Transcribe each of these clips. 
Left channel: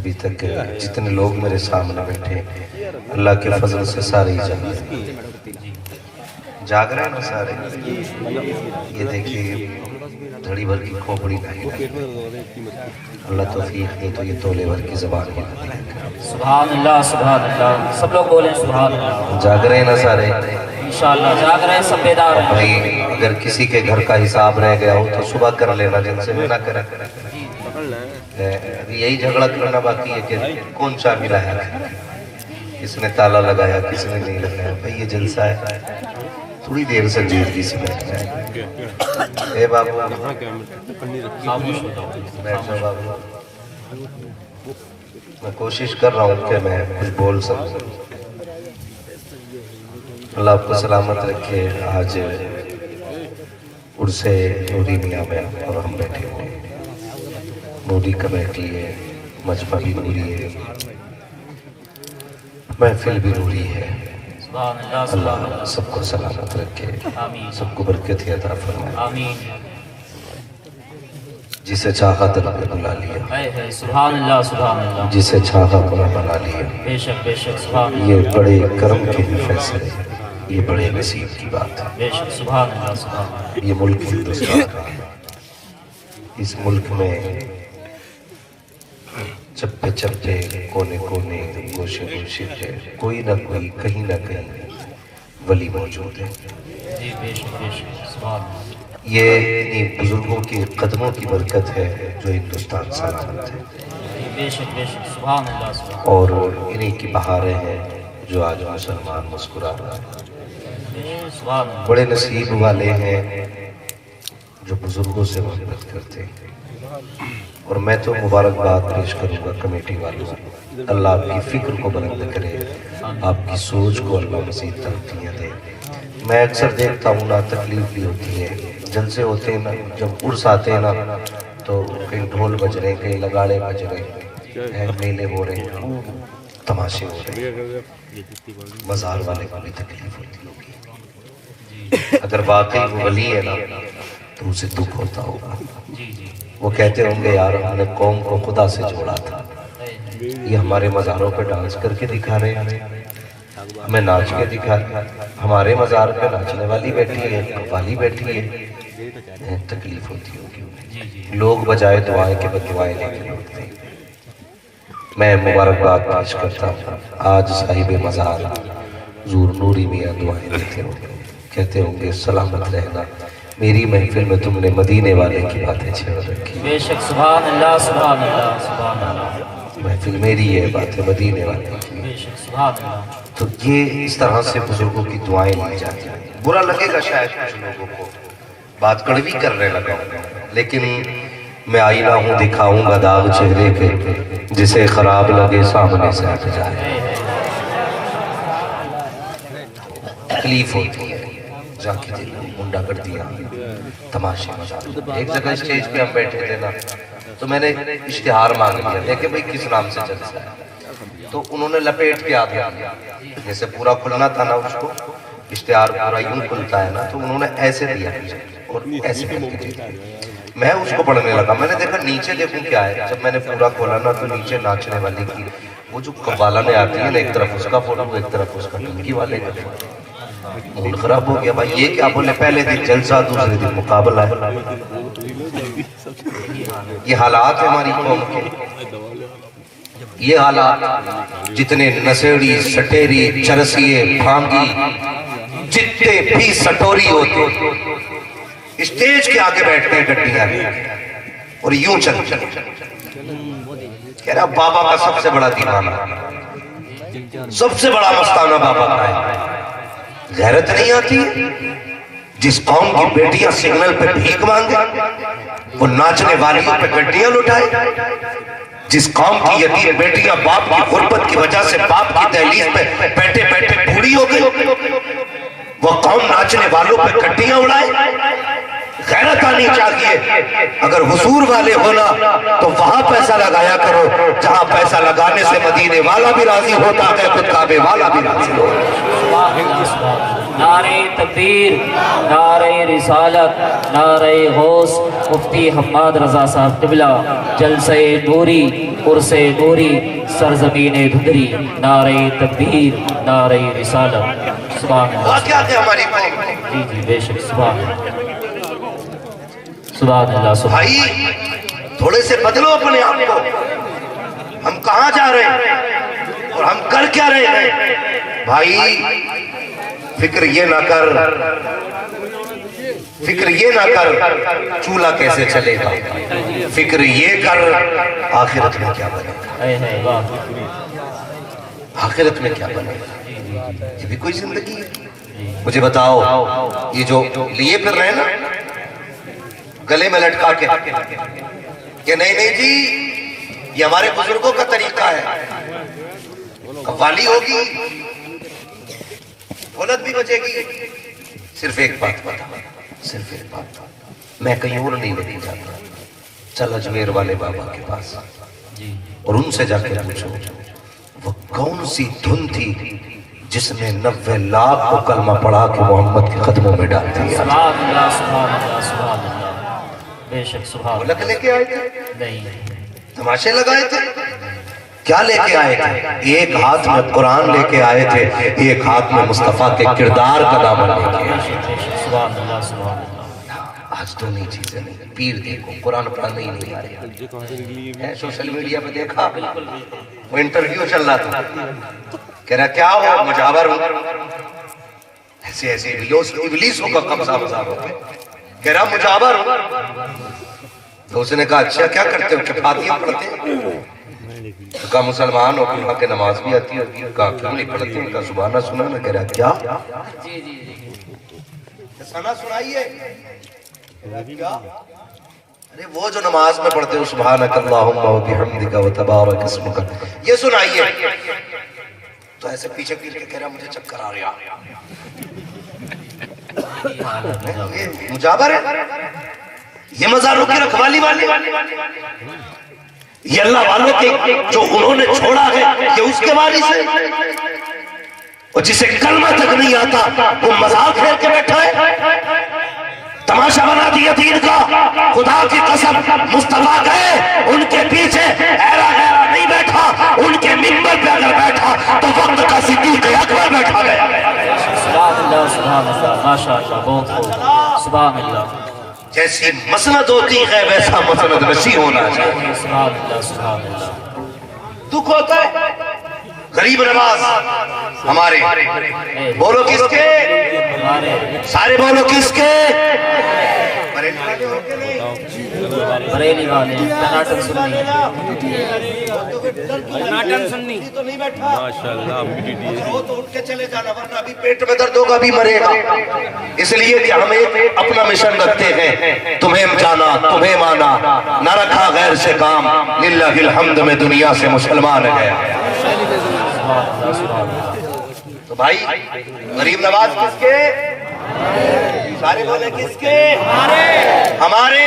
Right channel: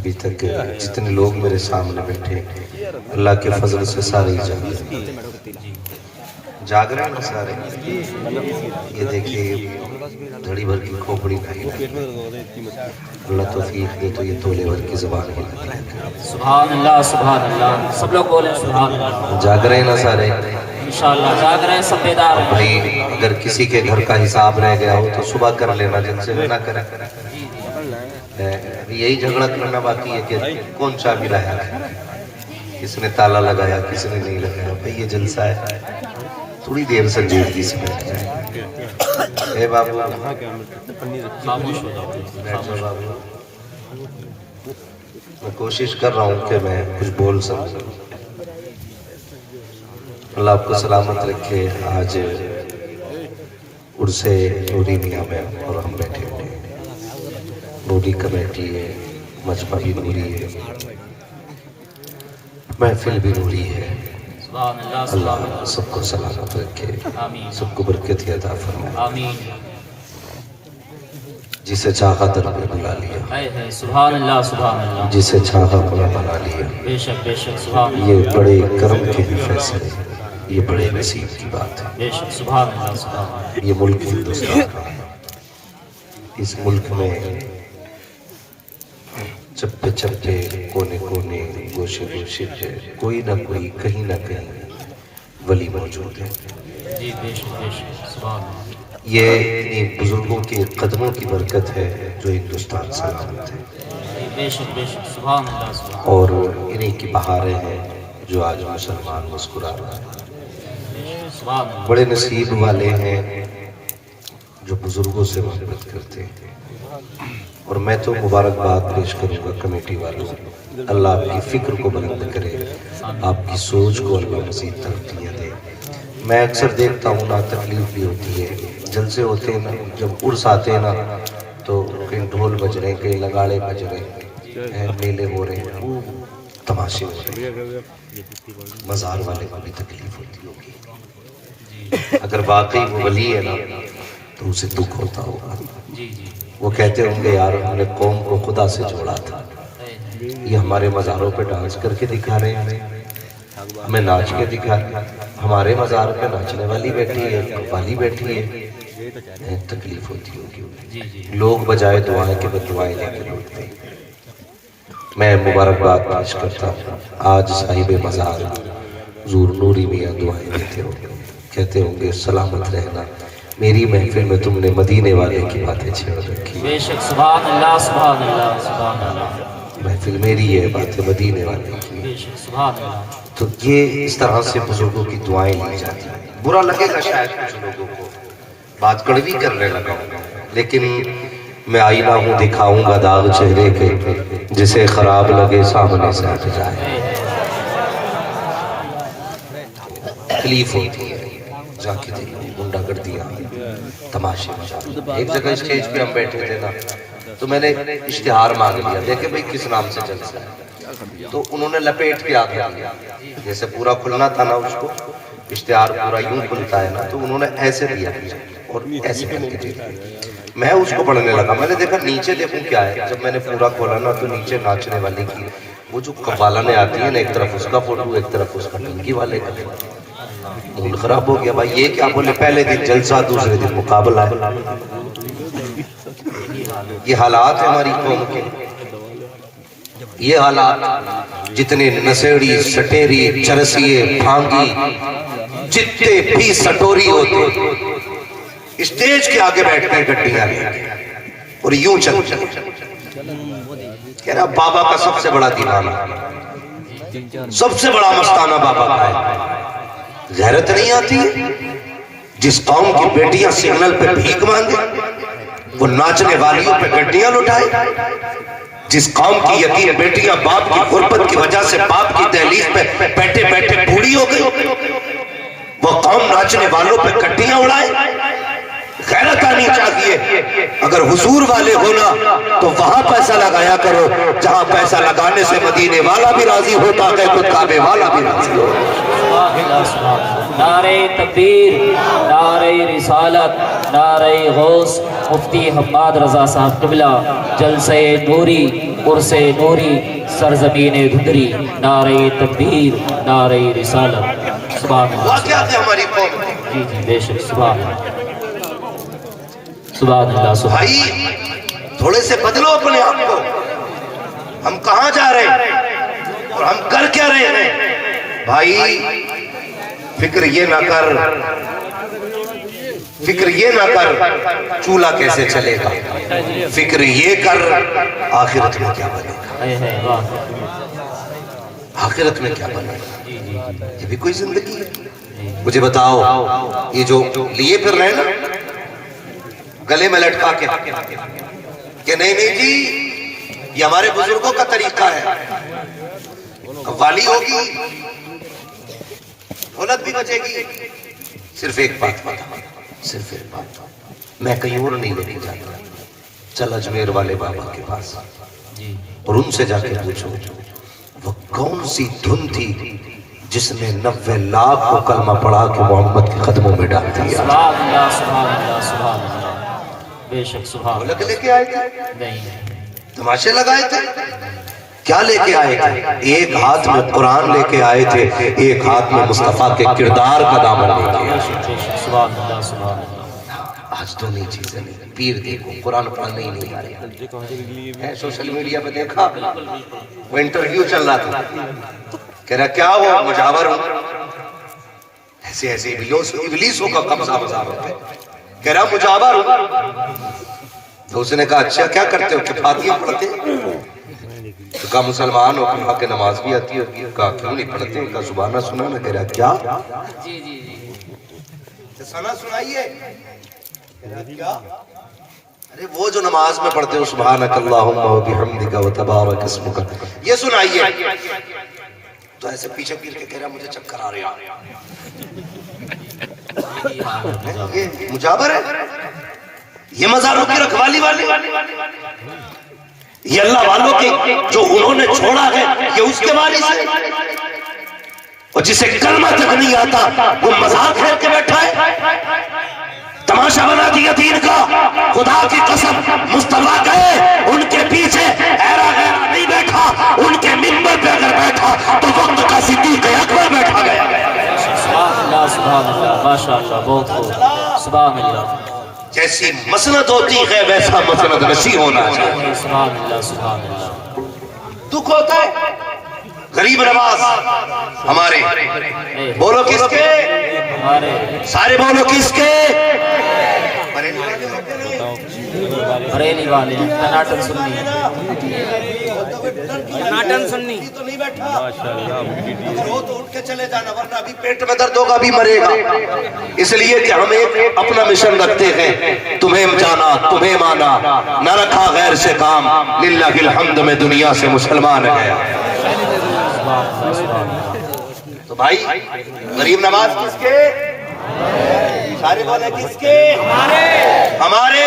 ابھی تک جتنے لوگ میرے سامنے بیٹھے اللہ کے فضل سے سارے ہی جاگ رہے ہیں نا سارے. یہ دیکھیے دھڑی بھر کی کھوپڑی نہیں. اللہ توفیق دے تو یہ تولے بھر کی زبان ہے. سبحان اللہ سبحان اللہ. سب لوگ بولیں سبحان اللہ. جاگ رہے ہیں نا سارے انشاءاللہ جاگ رہے ہیں سب بیدار ہیں. بھائی اگر کسی کے گھر کا حساب رہ گیا ہو تو صبح کر لینا, جن سے نہ کرے. یہی جھگڑا کرنا باقی ہے کہ کون چابی لایا, کس نے تالا لگایا کس نے نہیں لگایا. بھائی یہ جلسہ ہے, تھوڑی دیر سے جیدگی سے بیٹھ جائے. اے بابو بیٹھ جاؤ بابو. میں کوشش کر رہا ہوں کہ میں کچھ بول سکوں. اللہ آپ کو سلامت رکھے. آج عرص نوری میاں میں اور ہم بیٹھے ہوئے ہیں. نوری کمیٹی ہے, مجمع بھی نوری ہے, محفل بھی نوری ہے. اللہ سب کو سلامت رکھے, سب کو برکت عطا فرمائے. جسے چاہا در نے بلا لیا, سبحان اللہ سبحان اللہ. جسے چاہا اپنا بنا لیا. بے شک بے شک سبحان اللہ. یہ بڑے کرم کے بھی فیصلے, یہ بڑے نصیب کی بات ہے. بے شک سبحان اللہ سبحان اللہ. یہ ملک ہندوستان کا ہے. اس ملک میں چپے چپے کونے کونے گوشے گوشے پہ کوئی نہ کوئی کہیں نہ کہیں ولی موجود ہے. جی بے شک بے شک سبحان اللہ. یہ انہی بزرگوں کے قدموں کی برکت ہے جو ہندوستان سلامت ہے. جی بے شک سبحان اللہ سبحان اور انہی کی بہاریں ہیں جو آج مسلمان مسکرا رہا ہے. سبحان اللہ. بڑے نصیب والے ہیں جو بزرگوں سے محبت کرتے ہیں. اور میں تو مبارکباد پیش کروں گا کمیٹی والوں سے. اللہ آپ کی فکر کو بلند کرے, آپ کی سوچ کو اللہ مزید ترقیاں دے. میں اکثر دیکھتا ہوں نا, تکلیف بھی ہوتی ہے. جلسے ہوتے ہیں نا, جب عرس آتے ہیں نا تو کہیں ڈھول بج رہے ہیں, کہیں لگاڑے بج رہے ہیں, میلے ہو رہے ہیں, تماشے ہو رہے ہیں. مزار والے کو بھی تکلیف ہوتی ہوگی. اگر واقعی وہ ولی ہے نا تو اسے دکھ ہوتا ہوگا. وہ کہتے ہوں گے یار ہم نے قوم کو خدا سے جوڑا تھا, یہ ہمارے مزاروں پہ ڈانس کر کے دکھا رہے ہیں, ہمیں ناچ کے دکھا رہے ہیں. ہمارے مزار پہ ناچنے والی بیٹھی ہے, قوالی بیٹھی ہے. تکلیف ہوتی ہوگی. لوگ بجائے دعائیں کے بدعائیں لے کر اٹھتے ہیں. میں مبارکباد پیش کرتا ہوں. آج صاحب مزار حضور نوری میاں دعائیں دیتے ہوں گے, کہتے ہوں گے سلامت رہنا, میری محفل میں تم نے مدینے والے کی باتیں چھیڑ رکھی. بے شک سبحان اللہ سبحان اللہ سبحان اللہ. محفل میری ہے, باتیں مدینے والے کی. بے شک سبحان اللہ. تو یہ اس طرح سے بزرگوں کی دعائیں لی جاتی ہیں. برا لگے گا شاید کچھ لوگوں کو, بات کڑوی کرنے لگا ہوں, لیکن میں آئینہ ہوں دکھاؤں گا داغ چہرے کے, جسے خراب لگے سامنے سے ہٹ جائے. تکلیف ہوتی ہے, جا کے دیکھیں گنڈا گردیاں, تماشے مزار. ایک جگہ اسٹیج پہ ہم بیٹھے تھے نا, تو میں نے اشتہار مانگ لیا, دیکھیں بھئی کس نام سے جلسہ ہے. تو انہوں نے لپیٹ کے آگے دیا, جیسے پورا کھلنا تھا نا اس کو, اشتہار پورا یوں کھلتا ہے نا, تو انہوں نے ایسے دیا اور ایسے کر کے دیا. میں اس کو پڑھنے لگا, میں نے دیکھا نیچے دیکھوں کیا ہے. جب میں نے پورا کھولا نا تو نیچے ناچنے والی کی وہ جو قبالہ میں آتی ہے نا, ایک طرف اس کا فوٹو ایک طرف اس کا ٹنکی والے کا. موڈ خراب ہو گیا. بھائی یہ کیا بولے, پہلے دن جلسہ دوسرے دن مقابلہ. یہ حالات ہے ہماری قوم کے. یہ حالات جتنے نشیڑی سٹیری چرسیے بھانگی جتنے بھی سٹوری ہوتے اسٹیج کے آگے بیٹھتے ہیں گڈیاں اور یوں چلتے کہہ رہا بابا کا سب سے بڑا دیوانہ, سب سے بڑا مستانہ بابا کا ہے. غیرت نہیں آتی ہے. جس قوم کی بیٹیاں سگنل پہ بھیک مانگے وہ ناچنے والیوں پہ گڈیاں لٹائے. جس قوم کی یتیم بیٹیاں باپ کی غربت کی وجہ سے باپ کی دہلیز پہ بیٹھے بیٹھے بوڑھی ہو گئی, وہ قوم ناچنے والوں پہ گڈیاں اڑائے. غیرت آنی چاہیے. اگر حضور والے ہونا تو وہاں پیسہ لگایا کرو جہاں پیسہ لگانے سے مدینے والا بھی راضی ہوتا ہے، خود کعبے والا بھی راضی ہوتا ہے۔ نعرہ تکبیر، نعرہ رسالت، نعرہ غوث، مفتی حماد رضا صاحب قبلہ، جلسہ نوری، عرس نوری، سرزمین دھندری، نعرہ تکبیر، نعرہ رسالت۔ سبحان اللہ، واقعات ہے ہماری قوم کے۔ جی جی بے شک، سبحان اللہ، سبحان اللہ، سبحان بھائی تھوڑے سے بدلو اپنے آپ کو، ہم کہاں جا رہے ہیں اور ہم کر کیا رہے ہیں؟ بھائی فکر یہ نہ کر، فکر یہ نہ کر چولہا کیسے چلے گا، فکر یہ کر آخرت میں کیا بنے گا، ہے واہ، آخرت میں کیا بنے گا۔ یہ بھی کوئی زندگی ہے؟ مجھے بتاؤ، یہ جو لیے پھر رہے نا گلے میں لٹکا کے کہ نہیں نہیں جی یہ ہمارے بزرگوں کا طریقہ ہے، قوالی ہوگی، غلط بھی بچے گی، صرف ایک بات بتا، صرف ایک بات، میں کہیں اور نہیں لے جاتا، چل اجمیر والے بابا کے پاس اور ان سے جا کے پوچھو وہ کون سی دھن تھی جس نے 90 لاکھ کو کلمہ پڑھا کے محمد کے قدموں میں ڈال دیا۔ سبحان اللہ، سبحان اللہ، سبحان اللہ، بے شک، سبحان لگ لے کے آئے تھے، اللہ، نہیں، تماشے لگائے تھے، کیا لے کے آئے تھے؟ ایک ہاتھ میں قرآن لے کے آئے تھے، ایک ہاتھ میں مصطفیٰ کے کردار کا دامن لے کے بے آئے شک، بے شک، سبحان اللہ، سبحان اللہ، آج تو نہیں چیزیں نہیں، پیر دیکھو قرآن پڑھنے ہی نہیں آ رہے، سوشل میڈیا پہ دیکھا وہ انٹرویو چل رہا تھا، کہہ رہا کیا ہو؟ مجاور ہوں، ایسے ایسے ابلیسوں کا قبضہ ہو پہ، کہہ رہا مجاور ہوں۔ تو اس نے کہا اچھا کیا کرتے ہو؟ کہ فاتحہ پڑھتے ہیں؟ تو کہا مسلمان ہو، کہا کہ نماز بھی آتی ہے، کہا کیوں نہیں پڑھتے؟ کہا زبانہ سنا نا، کہہ رہا کیا؟ جی جی جی، سنا سنائیے، کیا؟ ارے وہ جو نماز میں پڑھتے ہو سبحانک اللہم و بحمدک و تبارک اسمک، یہ سنائیے۔ تو ایسے پیچھے پیچھے کہہ رہا مجھے چکر آ رہا، یہ مجابر ہے، یہ مزاروں کی رکھوالی والی، یہ اللہ والوں کے جو انہوں نے چھوڑا ہے یہ اس کے والی سے، اور جسے کلمہ تک نہیں آتا وہ مزار پھیر کے بیٹھا ہے، تماشا بنا دیا دین کا۔ خدا کی قسم مصطفیٰ گئے ان کے پیچھے ایرا غیرہ نہیں بیٹھا، ان کے منبر پہ اگر بیٹھا تو وقت کا صدیق اکبر بیٹھا گیا۔ سبحان اللہ، سبحان اللہ، ماشاء اللہ، بہت خوب، سبحان اللہ، جیسی مسند ہوتی ہے ویسا مسند نشی ہونا چاہیے۔ سبحان اللہ، سبحان اللہ، دکھ ہوتا ہے غریب نواز ہمارے، بولو کس کے؟ ہمارے سارے بولو کس کے؟ بریلی والے، کرناٹک سنی، کرناٹن سنی تو نہیں بیٹھا، اگر ہو تو اٹھ کے چلے جانا، ورنہ ابھی پیٹ میں درد ہوگا بھی مرے گا۔ اس لیے کہ ہم ایک اپنا مشن رکھتے ہیں، تمہیں جانا تمہیں مانا، نہ رکھا غیر سے کام، للہ الحمد میں دنیا سے مسلمان ہے۔ تو بھائی غریب نواز کس کے؟ سارے بولے کس کے؟ ہمارے،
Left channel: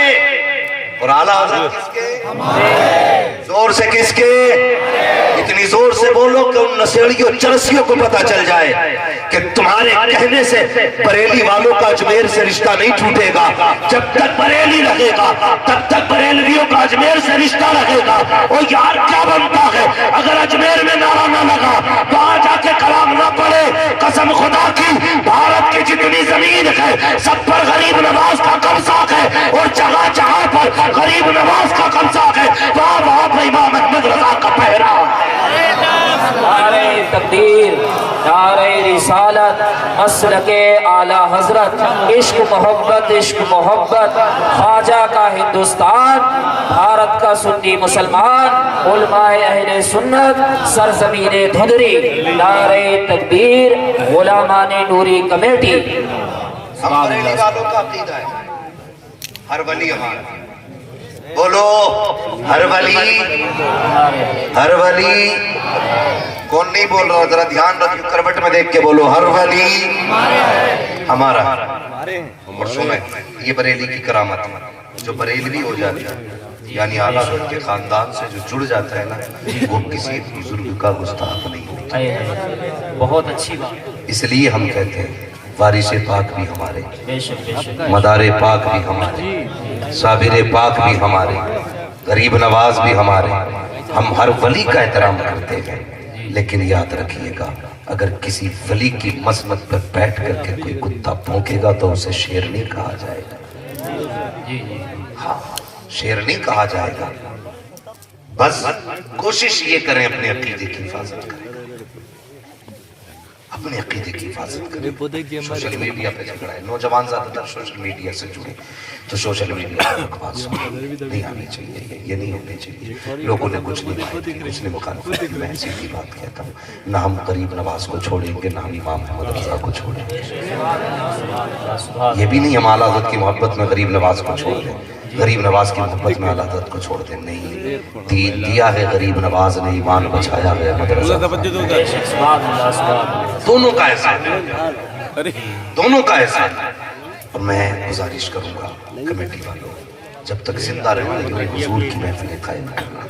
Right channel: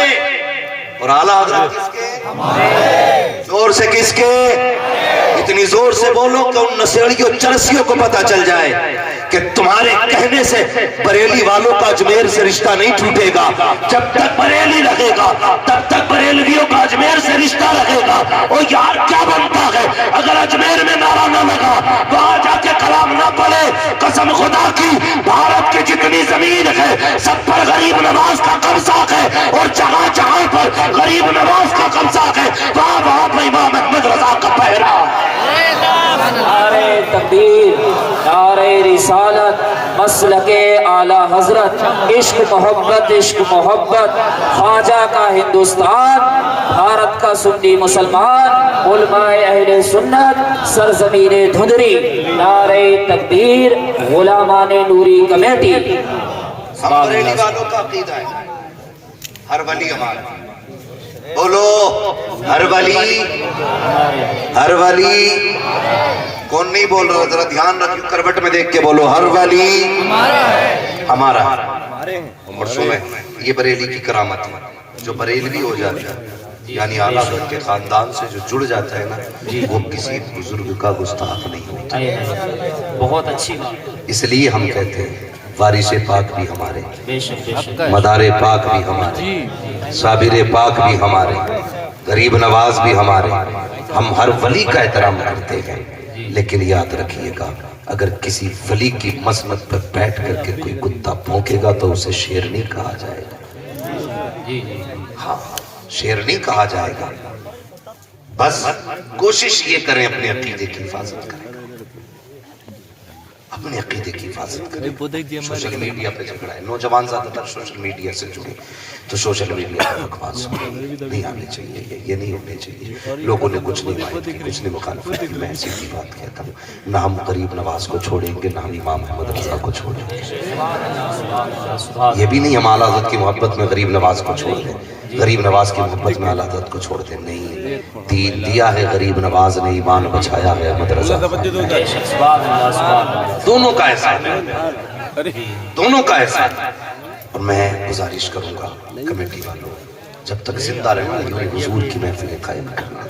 اور اعلیٰ حضرت کس کے؟ زور سے کس کے؟ اتنی زور سے بولو کہ ان نشیڑیوں چرسیوں کو پتا چل جائے کہ تمہارے کہنے سے بریلی والوں کا اجمیر سے رشتہ نہیں ٹوٹے گا۔ جب تک بریلی رہے گا تب تک بریلویوں کا اجمیر سے رشتہ رہے گا۔ اور یار کیا بنتا ہے اگر اجمیر میں نعرہ نہ لگا، وہاں جا کے کلام نہ پڑے، قسم خدا کی بھارت کی جتنی زمین ہے سب پر غریب نواز کا قبضہ ہے، اور جہاں جہاں پر غریب نواز کا قبضہ ہے وہاں وہاں پر امام احمد رضا کا پہرا۔ نعرہ تکبیر، نعرہ رسالت، مسلک اعلی حضرت، عشق محبت، عشق محبت، خواجہ کا ہندوستان، بھارت کا سنی مسلمان، علماء اہل سنت، سرزمین دھندری، نعرہ تکبیر، غلامان نوری کمیٹی۔ ہم بریلی والوں کا عقیدہ ہے ہر ولی ہمارا، بولو ہر ولی، ہر ولی، کون نہیں بول رہا؟ ذرا دھیان رکھ، کروٹ میں دیکھ کے بولو ہر ولی ہمارا۔ مرسوم ہے یہ بریلی کی کرامت ہے، جو بریلوی ہو جاتا ہے یعنی اعلیٰ حضرت کے خاندان سے جو جڑ جاتا ہے نا وہ کسی بزرگ کا گستاخ نہیں ہوتا. بہت اچھی بات. اس لیے ہم کہتے ہیں وارث پاک بھی ہمارے, بے شک بے شک. مدار پاک بھی ہمارے, صابر پاک بھی ہمارے, غریب نواز بھی ہمارے. ہم ہر ولی کا احترام کرتے ہیں, لیکن یاد رکھیے گا اگر کسی ولی کی مسند پر بیٹھ کر کے کوئی کتا بھونکے گا تو اسے شیر نہیں کہا جائے گا. ہاں, شیر نہیں کہا جائے گا. بس کوشش یہ کریں اپنے عقیدے کی حفاظت کریں, اپنے عقیدے کی حفاظت کریں. سوشل میڈیا پہ جھگڑا ہے, نوجوان زیادہ تر سوشل میڈیا سے جڑے تو سوشل میڈیا پر بکواس نہیں آنی چاہیے, یہ نہیں ہونے چاہیے. لوگوں نے کچھ نہیں بات کی, اس نے مخالفت کی, میں ایسی کی بات کہتا ہوں. نہ ہم غریب نواز کو چھوڑیں گے, نہ ہم امام محمد رضا کو چھوڑیں گے. یہ بھی نہیں ہم اعلیٰ حضرت کی محبت میں غریب نواز کو چھوڑ دیں, غریب نواز کی محبت میں اعلیٰ حضرت کو چھوڑ دیں. نہیں, دین دیا ہے غریب نواز نے, ایمان بچایا ہے احمد رضا. دونوں کا احسان ہے, دونوں کا احسان ہے. اور میں گزارش کروں گا کمیٹی والوں, جب تک زندہ رہنا یہ حضور کی محفلیں قائم کرنا,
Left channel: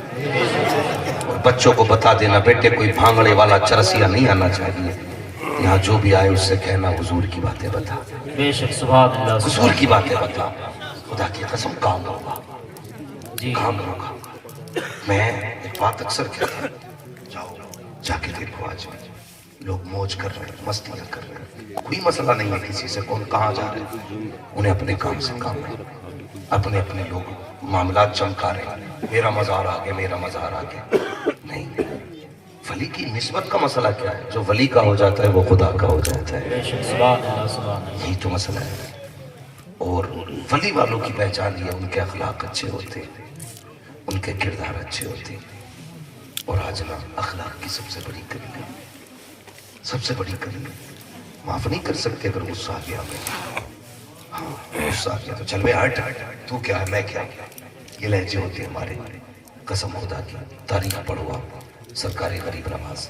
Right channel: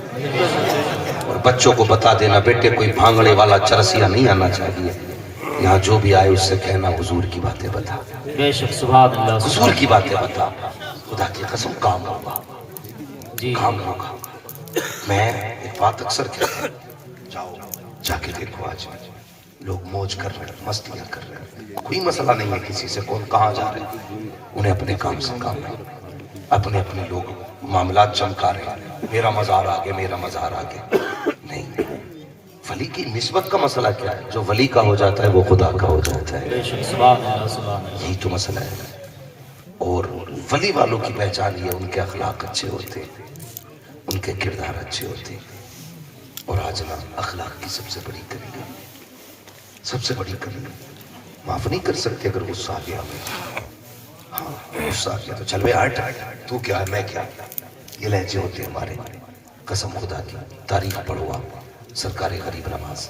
اور بچوں کو بتا دینا بیٹے کوئی بھانگڑے والا چرسیا نہیں آنا چاہیے. یہاں جو بھی آئے اس سے کہنا حضور کی باتیں بتا, بے شک. سبحان اللہ. حضور کی باتیں بتا. خدا کی قسم کام ہوگا, کام ہوگا. میں ایک بات اکثر کہتا ہوں, جاؤ جا کے دیکھو آج لوگ موج کر رہے ہیں, مستیاں کر رہے ہیں, کوئی مسئلہ نہیں ہے کسی سے کون کہاں جا رہے ہیں. انہیں اپنے کام سے کام ہے, اپنے اپنے لوگ معاملات چمکا رہے ہیں. میرا مزار آگے, میرا مزار آگے. نہیں, ولی کی نسبت کا مسئلہ کیا ہے؟ جو ولی کا ہو جاتا ہے وہ خدا کا ہو جاتا ہے. یہی تو مسئلہ ہے. اور ولی والوں کی پہچان یہ, ان کے اخلاق اچھے ہوتے, ان کے کردار اچھے ہوتے. اور آج نا اخلاق کی سب سے بڑی کمی, سب سے بڑی کمی, معاف نہیں کر سکتے اگر غصہ آ گیا. ہاں غصہ آ گیا تو چل بے ہٹ, تو کیا ہے میں کیا, یہ لہجے ہوتے ہمارے. قسم خدا کی تاریخ پڑھو آپ, سرکار غریب نواز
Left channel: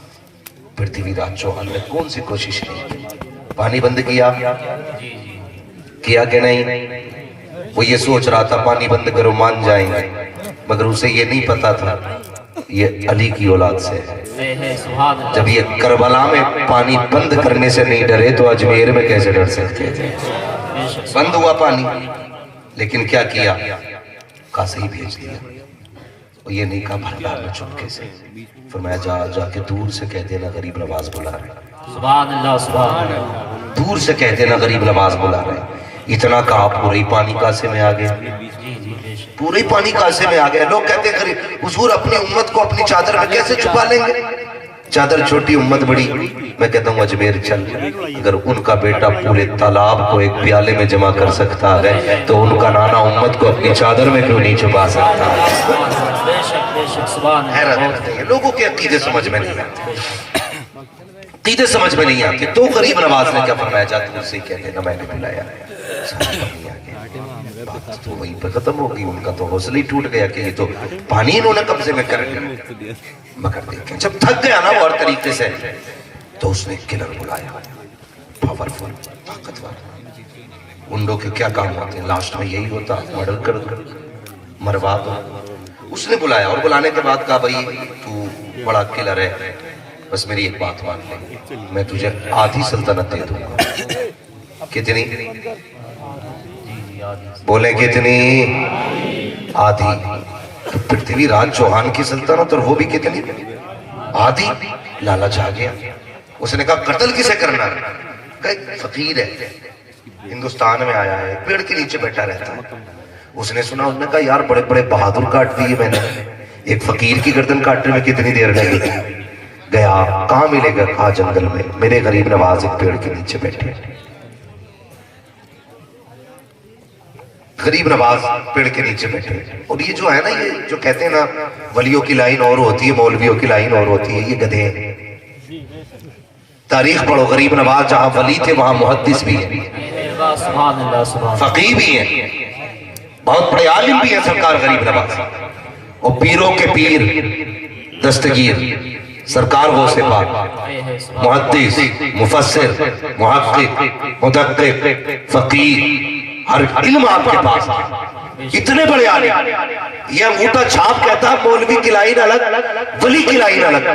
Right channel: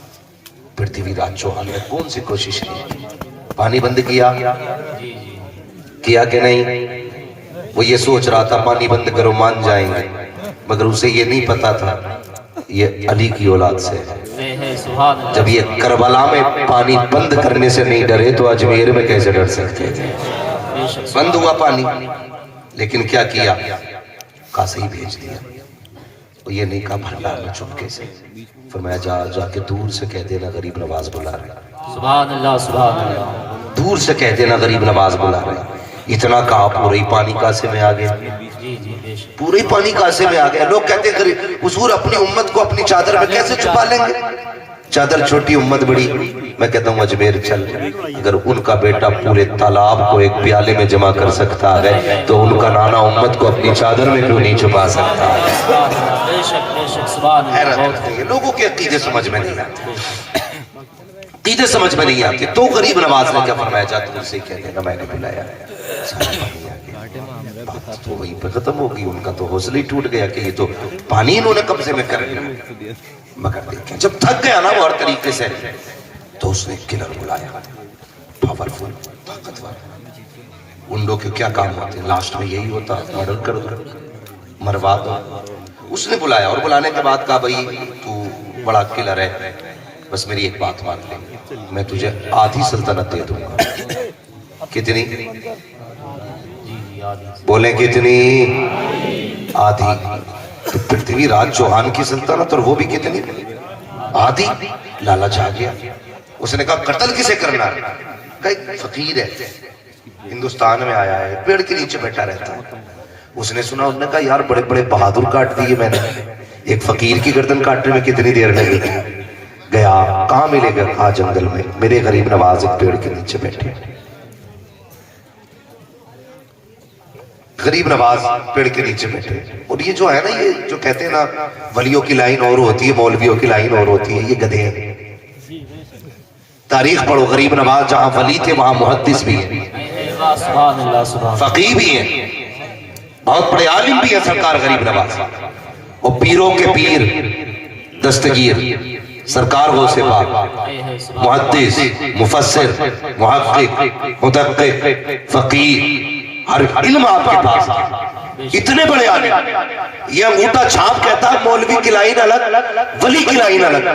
پرتھوی راج چوہان نے کون سی کوشش کی, پانی بند کیا کہ نہیں. وہ یہ سوچ رہا تھا پانی بند کرو مان جائیں گے, مگر اسے یہ نہیں پتا تھا یہ علی کی اولاد سے ہے. جب یہ کربلا میں پانی بند کرنے سے نہیں ڈرے تو اجمیر میں کیسے ڈر سکتے تھے. بند ہوا پانی, لیکن کیا کیا, قاصی بھیج دیا. وہ یہ نہیں کہا بھنڈار میں چپکے سے, فرمایا جا جا کے دور سے کہہ دینا غریب نواز بلا رہے. سبحان اللہ سبحان اللہ. دور سے کہہ دینا غریب نواز بلا رہے. اتنا کہا پورے ہی پانی کاسے میں آ گیا, پورے ہی پانی کاسے میں آ گیا. لوگ کہتے ہیں حضور اپنی امت کو اپنی چادر میں کیسے چھپا لیں گے, چادر چھوٹی امت بڑی. میں کہتا ہوں اجمیر چل, اگر ان کا بیٹا پورے تالاب کو ایک پیالے میں جمع کر سکتا ہے تو ان کا نانا امت کو اپنی چادر میں کیوں نہیں چھپا سکتا ہے. حیرت ہے, لوگوں کے عقیدے سمجھ میں نہیں آتے, عقیدے سمجھ میں نہیں آتے. تو غریب نواز نے کیا فرمایا, جا تم سے کہہ دینا میں نے بلایا. بات تو وہیں پہ ختم ہو گئی. ان کا تو حوصلہ ہی ٹوٹ گیا کہ یہ تو پانی انہوں نے قبضے میں کر لیا. مگر دیکھیں جب تھک گیا نا وہ ہر طریقے سے, تو اس نے کلر بلایا, پاورفل, طاقتور. انڈوں کے کیا کام ہوتے ہیں, لاسٹ میں یہی ہوتا, مرڈر کر دو, مروا دو. اس نے بلایا, اور بلانے کے بعد کہا بھائی تو بڑا کلر ہے, بس میری ایک بات مان لے, میں تجھے آدھی سلطنت دے دوں گا. کتنی بولیں, کتنی, آدھی. تو پرتھوی راج چوہان کی سلطنت, اور وہ بھی کتنی, آدھی. لالچ آ گیا. اس نے کہا قتل کسے کرنا ہے, کہا ایک فقیر ہے ہندوستان میں آیا ہے, پیڑ کے نیچے بیٹھا رہتا ہے. اس نے سنا, انہوں نے کہا یار بڑے بڑے بہادر کاٹ دیے میں نے, ایک فقیر کی گردن کاٹنے میں کتنی دیر لگے گی. گیا, کہاں ملے گا, کہا جنگل میں, میرے غریب نواز ایک پیڑ کے نیچے بیٹھے. غریب نواز پیڑ کے نیچے بیٹھے. اور یہ جو ہے نا, یہ جو کہتے ہیں نا ولیوں کی لائن اور ہوتی ہے, مولویوں کی لائن اور ہوتی ہے, یہ گدھے ہیں. تاریخ پڑھو, غریب نواز جہاں ولی تھے وہاں محدث بھی ہیں, فقیہ بھی ہیں, بہت بڑے عالم بھی ہیں سرکار غریب نواز. اور پیروں کے پیر, دستگیر سرکار غوث پاک, محدث, مفسر, محقق, مدقق, فقیہ, ہر علم آپ کے پاس. اتنے بڑے عالم یہ انگوٹھا چھاپ کہتا ہے مولوی کی لائن الگ ولی کی لائن الگ.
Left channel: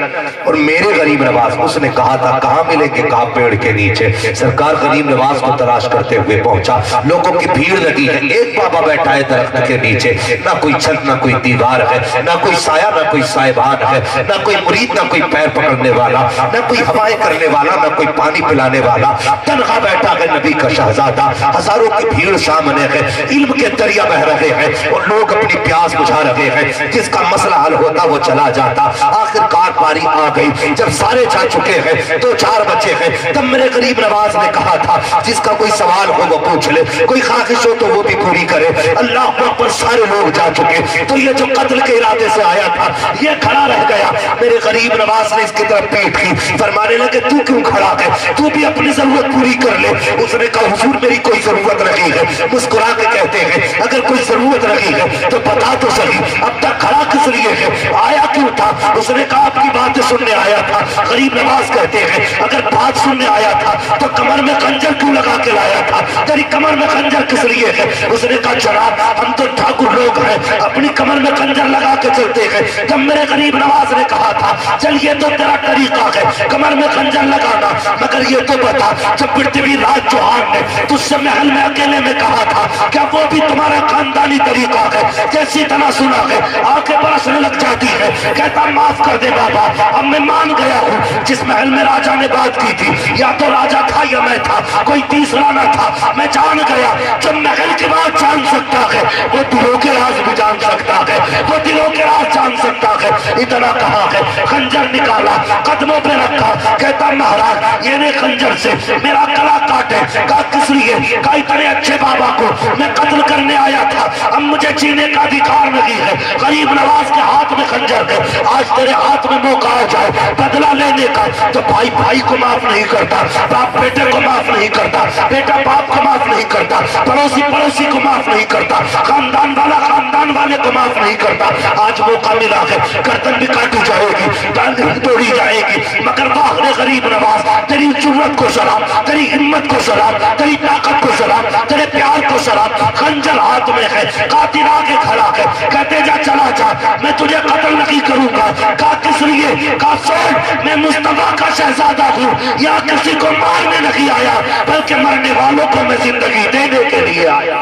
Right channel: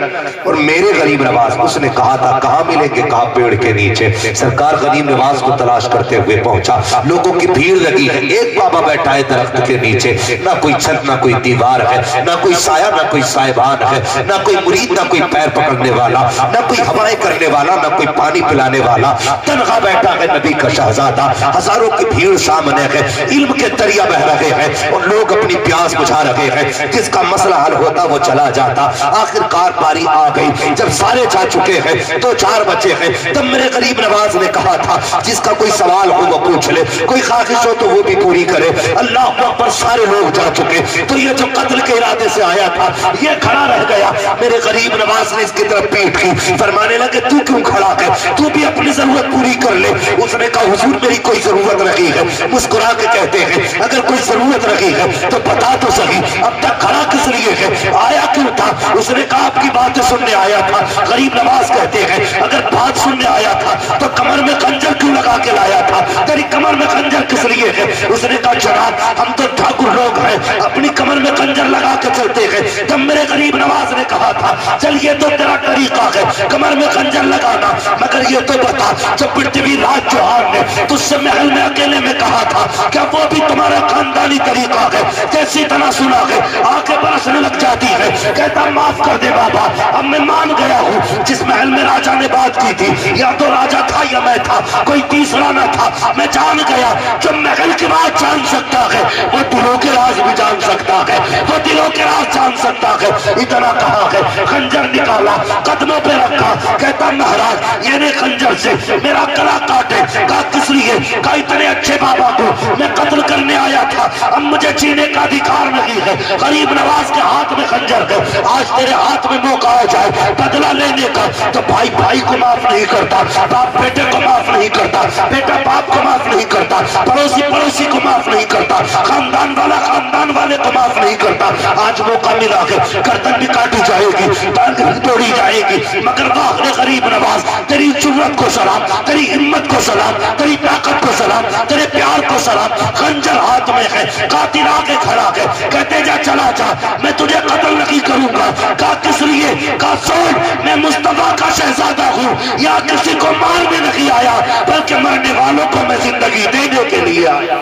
اور میرے غریب نواز اس نے کہا تھا کہاں ملیں گے, کہا پیڑ کے نیچے. سرکار غریب نواز کو تلاش کرتے ہوئے پہنچا, لوگوں کی بھیڑ لگی ہے, ایک بابا بیٹھا ہے درخت کے نیچے, نہ کوئی چھت نہ کوئی دیوار ہے, نہ کوئی سایہ نہ کوئی سائبان ہے, نہ کوئی مرید نہ کوئی پیر پکڑنے والا, نہ کوئی ہوائیں کرنے والا, نہ کوئی پانی پلانے والا, تنہا بیٹھا ہے نبی کا شہزادہ. ہزاروں کی بھیڑ سامنے ہے, علم کے دریا بہ رہے ہیں اور لوگ اپنی پیاس بجھا رہے ہیں. جس کا مسئلہ حل ہوتا وہ چلا جاتا. آخر کار باری آ گئی, جب سارے جا چکے ہیں 2-4 بچے ہیں, تب میرے غریب نواز نے کہا تھا جس کا کوئی سوال ہو وہ پوچھ لے, کوئی خواہش ہو تو وہ بھی پوری کرے. اللہ اکبر, سارے لوگ جا چکے. تو یہ جو قتل کے ارادے سے آیا تھا یہ کھڑا رہ گیا. میرے غریب نواز نے اس کی طرف پیٹ کی, فرمانے لگے تو کیوں کھڑا ہے, تو بھی اپنی ضرورت پوری کر لے. اس نے کہا حضور میری کوئی ضرورت نہیں ہے. مسکرا کے کہتے ہیں اگر کوئی ضرورت نہیں ہے تو بتا تو صحیح, اب تک کھڑا کس لیے ہے, آیا کیوں تھا؟ اس نے کہا آپ کی باتیں سننے آیا تھا. غریب نواز کہتے ہیں اگر بات سننے آیا تھا تو کمر میں خنجر کیوں لگا کے لایا تھا, تیری کمر میں خنجر کس لیے ہے؟ اس نے کہا جناب ہم تو ٹھاکر لوگ ہیں, اپنی کمر میں خنجر لگا کے چلتے ہیں. جب میرے غریب نواز نے کہا تھا چل یہ تو تیرا طریقہ ہے کمر میں خنجر لگانا, مگر یہ تو بتا جب پرتھوی راج چوہان نے تجھ سے محل میں اکیلے میں کہا تھا کیا وہ بھی تمہارا خاندانی طریقہ ہے؟ جیسی طرح سنا ہے آنکھیں برسنے لگ جاتی ہے. کہتا معاف کر دے بابا, اب میں مان گیا ہوں جس محل میں راجہ نے بات کی تھی یا تو راجہ تھا یا میں تھا, کوئی تیسرا نہ تھا. میں جان گیا جب محل کی بات جان سکتا ہے وہ دلوں کے راز بھی جان سکتا ہے, وہ دلوں کے راز جان سکتا ہے. اتنا کہا ہے خنجر نکالا قدموں پہ رکھا, کہتا مہاراج یہ نے خنجر سے میرا گلا کاٹے. کہا کس لیے؟ کہا اتنے اچھے بابا کو میں قتل کرنے آیا تھا, اب مجھے جینے کا ادھیکار نہیں ہے. غریب نواز کے ہاتھ میں خنجر ہے, آج تیرے ہاتھ میں موقع آ جائے بدلہ لینے کا تو بھائی بھائی کو معاف نہیں کرتا, باپ بیٹے کو معاف نہیں کرتا, بیٹا باپ کو معاف نہیں کرتا, پڑوسی پڑوسی کو معاف نہیں کرتا, خاندان والا خاندان والے کو معاف نہیں کرتا. آج موقع ملا ہے گردن بھی کاٹی جائے گی, ٹانگ بھی توڑی جائے گی, مگر واہ غریب نواز تیری جرأت کو سلام, تیری ہمت کو سلام, تیری طاقت کو سلام, تیرے پیار کو سلام. خنجر ہاتھ میں ہے, قاتل آگے کھڑا ہے, کہتے جا چلا جا میں تجھے قتل نہیں کروں گا. کہا کس لیے؟ کہا سن میں مصطفیٰ کا شہزادہ ہوں, یا کسی کو مارنے نہیں آیا بلکہ مرنے والوں کو میں زندگی دینے کے لیے آیا.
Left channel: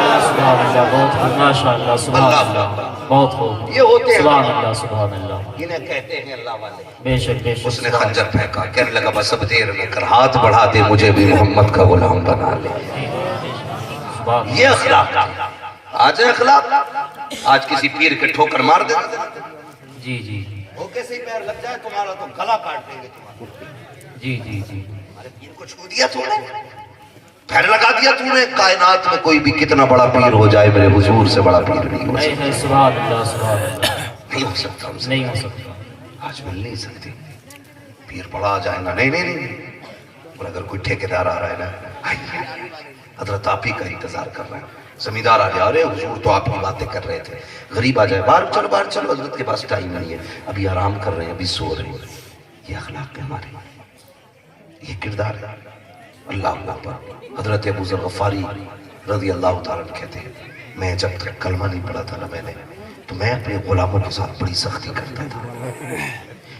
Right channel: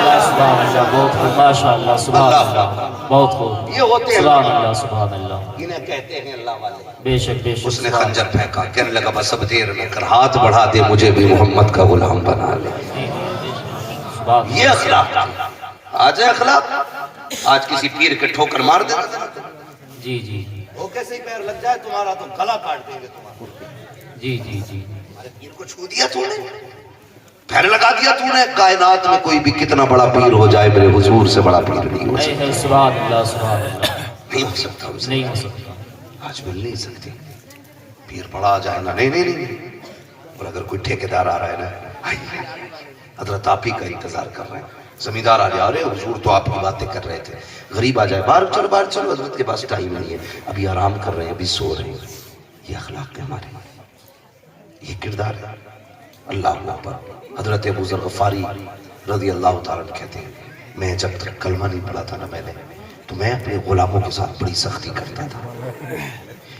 بہت خوب, ماشاء اللہ, سبحان اللہ, بہت خوب, یہ ہوتے ہیں سبحان اللہ, سبحان اللہ, انہیں کہتے ہیں اللہ والے. بے شک بے شک. اس نے خنجر پھینکا, کہنے لگا بس اب دیر میں کر, ہاتھ بڑھا دے مجھے بھی محمد کا غلام بنا لے. یہ اخلاق آج ہے, اخلاق آج کسی پیر کے ٹھوکر مار دے جی جی وہ کیسے ہی پیر لگ جائے تمہارا تو گلا کاٹ دیں گے تمہارا. جی جی جی, ہمارے پیر کو چھو دیا تو نے, پیر لگا دیا تو نے. کائنات میں کوئی بھی کتنا بڑا پیر ہو جائے میرے حضور سے بڑا پیر نہیں ہو سکتا. سبحان اللہ, سبحان اللہ, نہیں ہو سکتا, نہیں ہو سکتا. آج مل نہیں سکتی. پیر بڑا جائے نا, نہیں نہیں نہیں. اور اگر کوئی ٹھیکیدار آ رہا ہے نا, حضرت آپ ہی کا انتظار کر رہا ہے. زمیندار آ جائے, ارے حضور تو آپ کی باتیں کر رہے تھے. غریب آ جائے, باہر چلو باہر چلو, حضرت کے پاس ٹائم نہیں ہے, ابھی آرام کر رہے ہیں, ابھی سو رہے ہیں. یہ اخلاق ہے ہمارے, یہ کردار ہے. اللہ اللہ پر حضرت ابو ذر غفاری رضی اللہ تعالیٰ کہتے ہیں میں جب تک کلمہ نہیں پڑھا تھا نا میں نے, تو میں اپنے غلاموں کے ساتھ بڑی سختی کرتا تھا.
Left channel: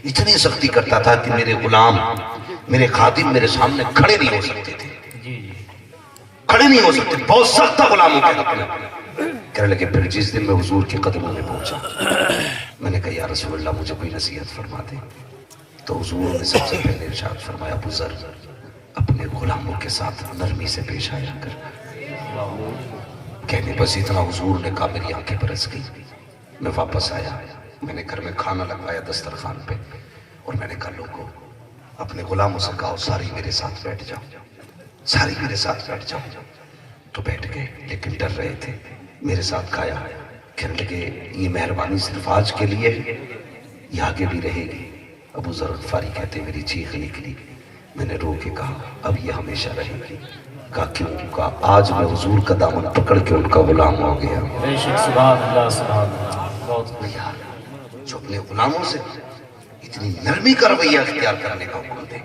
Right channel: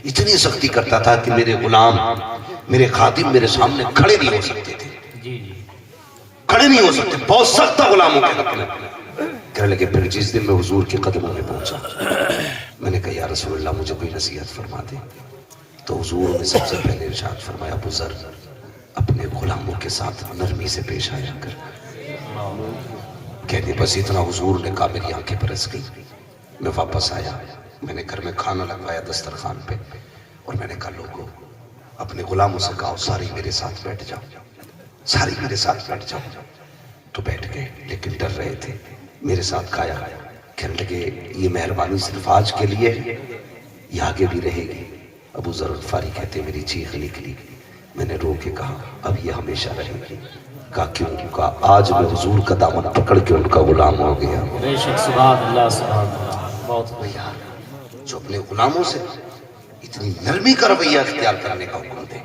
اتنی سختی کرتا تھا کہ میرے غلام میرے خادم میرے سامنے کھڑے نہیں ہو سکتے تھے, کھڑے نہیں ہو سکتے. بہت سخت تھا غلاموں کے حق میں. کہنے لگے پھر جس دن میں حضور کے قدموں میں پہنچا, میں نے کہا یا رسول اللہ مجھے کوئی نصیحت فرما دے. تو حضور نے سب سے پہلے ارشاد فرمایا ابو ذر اپنے غلاموں کے ساتھ نرمی سے پیش آیا کر. کہنے بس اتنا حضور نے کہا میری آنکھیں برس گئی. میں واپس آیا, میں نے گھر میں کھانا لگوایا دسترخوان پہ, اور میں نے کہا لوگوں اپنے غلاموں سے کہا ساری میرے ساتھ بیٹھ جاؤ, ساری میرے ساتھ بیٹھ جاؤ. تو بیٹھ گئے لیکن ڈر رہے تھے. میرے ساتھ کھایا, کہنے لگے یہ مہربانی صرف آج کے لیے ہے, یہ آگے بھی رہے گی. ابو ذر غفاری کہتے میری چیخ نکلی, میں نے رو کے کہا اب یہ ہمیشہ رہے گی. کہا کیوں؟ کہا آج میں حضور کا دامن پکڑ کے ان کا غلام ہو گیا. بے شک, سبحان اللہ, سبحان اللہ, بہت یار جو اپنے غلاموں سے اتنی نرمی کا رویہ اختیار کرنے کا حکم دے,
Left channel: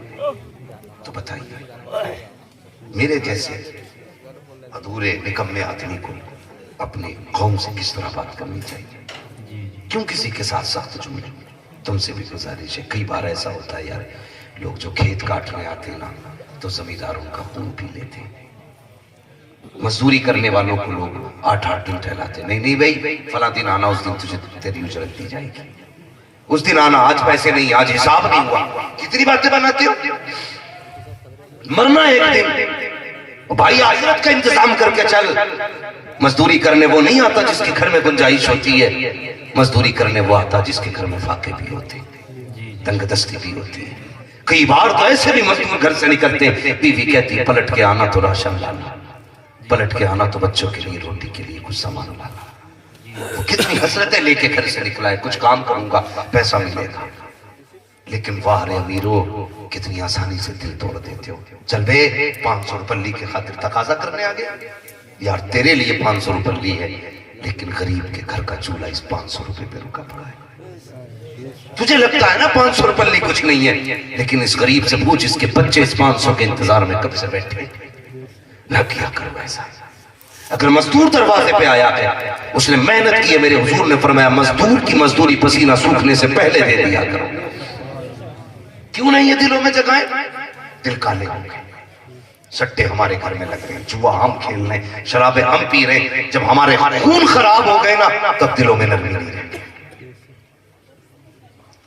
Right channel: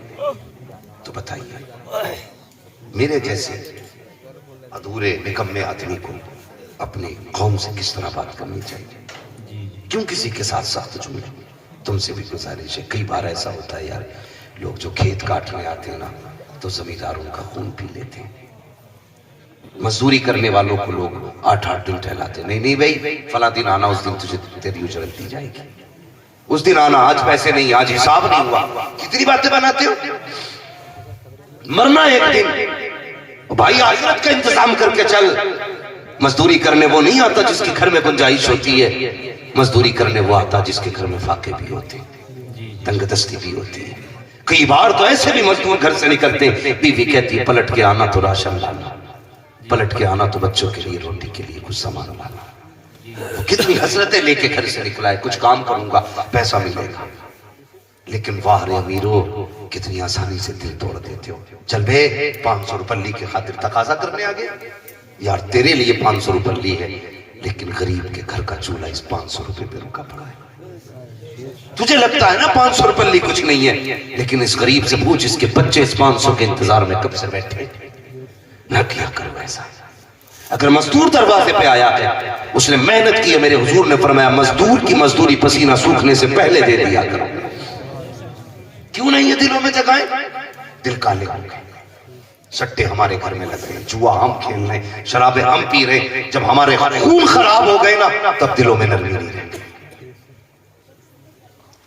تو بتائیے میرے جیسے ادھورے نکمے آدمی کو اپنی قوم سے کس طرح بات کرنی چاہیے، کیوں کسی کے ساتھ سخت جملے۔ تم سے بھی گزارش ہے، کئی بار ایسا ہوتا ہے یار، لوگ جو کھیت کاٹنے آتے ہیں نا تو زمینداروں کا خون پی لیتے ہیں، مزدوری کرنے والوں کو لوگ 8 دن ٹہلاتے ہیں، نہیں بھائی فلاں دن آنا، اس دن تجھے تیری اجرت دی جائے گی، اس دن آنا، آج پیسے نہیں، آج حساب نہیں ہوا، کتنی باتیں بناتے ہو، مرنا ایک دن، بھائی آخرت کا انتظام کر کے چل۔ مزدوری کرنے وہ نہیں آتا جس کے گھر میں گنجائش ہوتی ہے، مزدوری کرنے وہ آتا جس کے گھر میں فاقے بھی ہوتے ہیں، تنگ دستی بھی ہوتی ہے۔ کئی بار تو ایسے بھی مزدور گھر سے نکلتے، بیوی کہتی پلٹ کے آنا تو راشن لانا، پلٹ کے آنا تو بچوں کے لیے روٹی کے لیے کچھ سامان لانا، کتنی حسرتیں لے کے گھر سے نکلا ہے، کچھ کام کروں گا پیسہ ملے گا، لیکن واہ رے امیرو کتنی آسانی سے دل توڑ دیتے ہو۔ چل بے 500 روپے کی خاطر تقاضا کرنے آگے، یار تیرے لیے 500 روپے ہے، لیکن غریب کے گھر کا چولہا اس 500 روپے پہ رکا پڑا ہے۔ تجھے لگتا ہے نا 500 روپے کچھ نہیں ہے، لیکن اس غریب سے پوچھ اس کے بچے اس 500 کے انتظار میں کب سے بیٹھے، نہ کیا کرو ایسا۔ اگر مزدور دروازے پہ آیا ہے، اس نے محنت کی ہے، میرے حضور نے فرمایا مزدور کی مزدوری پسینہ سوکھنے سے پہلے دے دیا کرو۔ کیوں نہیں یہ دلوں میں جگائیں؟ دل کالے ہو گئے، سٹے ہمارے گھر میں لگ رہے ہیں، جوا ہم کھیل رہے ہیں، شرابیں ہم پی رہے ہیں، جب ہمارے خون خراب ہو گئے نا تب دلوں میں نرمی نہیں رہتی۔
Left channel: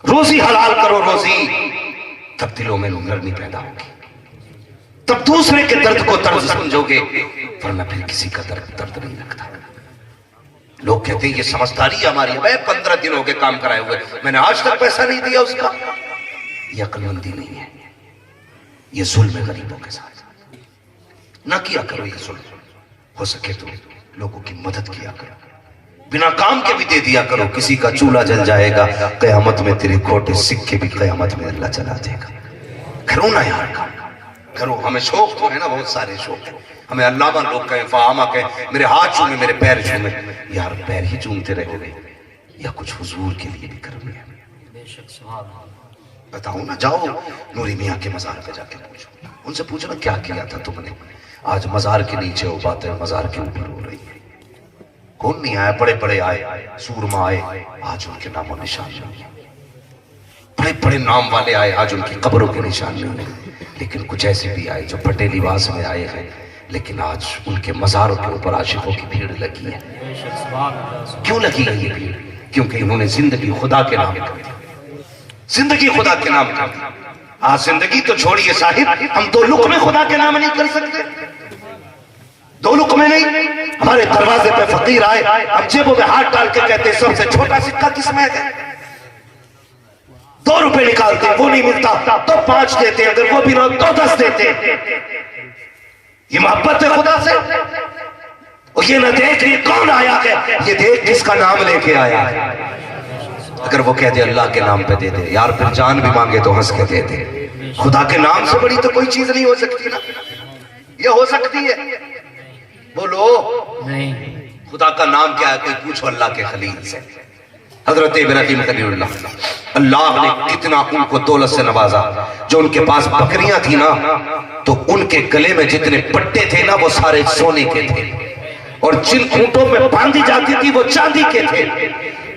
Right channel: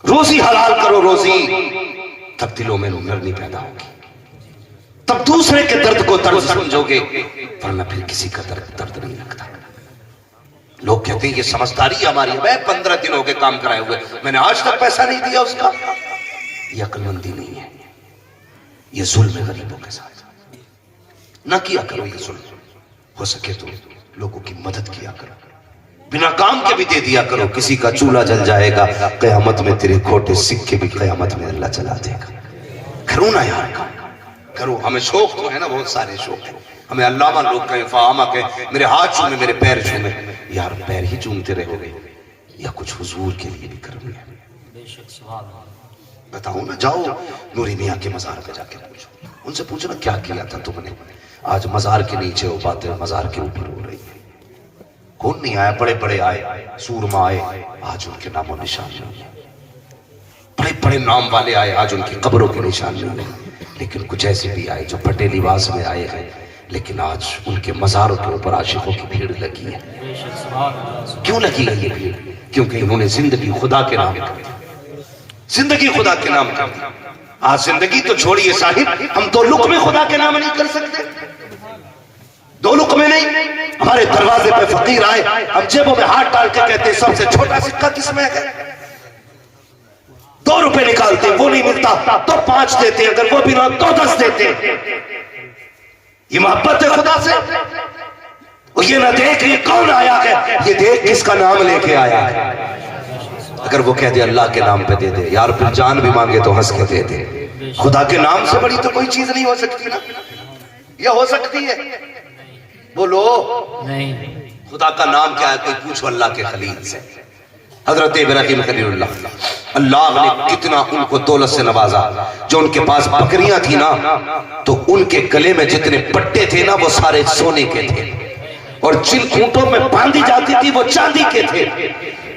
روزی حلال کرو روزی، تب دلوں میں نرمی پیدا ہوگی، تب دوسرے کے درد کو درد سمجھو گے، ورنہ پھر کسی کا درد نہیں لگتا۔ لوگ کہتے ہیں یہ سمجھداری ہماری ہے، 15 دن ہو گئے کام کرائے ہوئے، میں نے آج تک پیسہ نہیں دیا اس کا، یہ عقل مندی نہیں ہے، یہ ظلم ہے غریبوں کے ساتھ۔ نہ کیا کرو یہ ظلم، ہو سکے تو لوگوں کی مدد کیا کرو، بنا کام کے بھی دے دیا کرو، کسی کا چولہا جل جائے گا قیامت میں تیرے کھوٹے سکے بھی قیامت میں اللہ چلا دے گا۔ کرو نا یار کام کرو، ہمیں شوق تو ہے نا، بہت سارے شوق ہیں، ہمیں علامہ لوگ کہیں، فہامہ کہیں، میرے ہاتھ چومے میرے پیر چومے، یار پیر ہی چومتے رہو گے یا کچھ حضور کے لیے بھی کرو گے؟ بتاؤ نا، جاؤ نوری میاں کے مزار پہ جا کے پوچھو، ان سے پوچھو نا کیا کیا تھا تم نے، آج مزار کے نیچے وہ باتیں مزار کے اوپر ہو رہی ہیں۔ کون نہیں آیا، بڑے بڑے آئے، سورما آئے، آج ان کے نام و نشان نہیں ہیں، بڑے بڑے نام والے آئے، آج ان کی قبروں کے نشان نہیں ہیں، لیکن کچھ ایسے بھی آئے جو پھٹے لباس میں آئے ہیں، لیکن آج ان کے مزاروں کے اوپر عاشقوں کی بھیڑ لگی ہے۔ کیوں لگی ہے یہ بھیڑ؟ کیونکہ انہوں نے زندگی خدا کے نام کر دی، زندگی خدا کے نام کر دی۔ آج زندگی تو چھوڑیے صاحب، ہم 2 لقمے خدا کے نام نہیں کر سکتے، 2 لقمے نہیں۔ ہمارے دروازے پہ فقیر آئے، ہم جیبوں میں ہاتھ ڈال کے کہتے ہیں سب سے چھوٹا سکہ کس میں ہے؟ 2 روپے نکالتے ہیں، وہ نہیں ملتا تو 5 دیتے ہیں، اگر وہ بھی نہ تو 10 دیتے ہیں۔ یہ محبت ہے خدا سے؟ اور یہ نہ دیکھ یہ کون آیا ہے، یہ دیکھ کس کا نام لے کے آیا ہے۔ اگر وہ کہہ دے اللہ کے نام پہ دے دے، یار پھر جان بھی مانگے تو ہنس کے دے دے۔ خدا کے نام سے بڑی تو کوئی چیز نہیں ہو سکتی نا، یہ ہو سکتی ہے؟ بولو نہیں۔ خدا کا نام کیا ہے؟ کوئی پوچھو اللہ کے خلیل سے، حضرت ابراہیم خلیل اللہ، اللہ نے کتنا ان کو دولت سے نوازا۔ جو ان کے پاس بکریاں تھی نا تو ان کے گلے میں جتنے پٹے تھے نا وہ سارے سونے کے تھے، اور جن اونٹوں میں باندھی جاتی تھی وہ چاندی کے تھے۔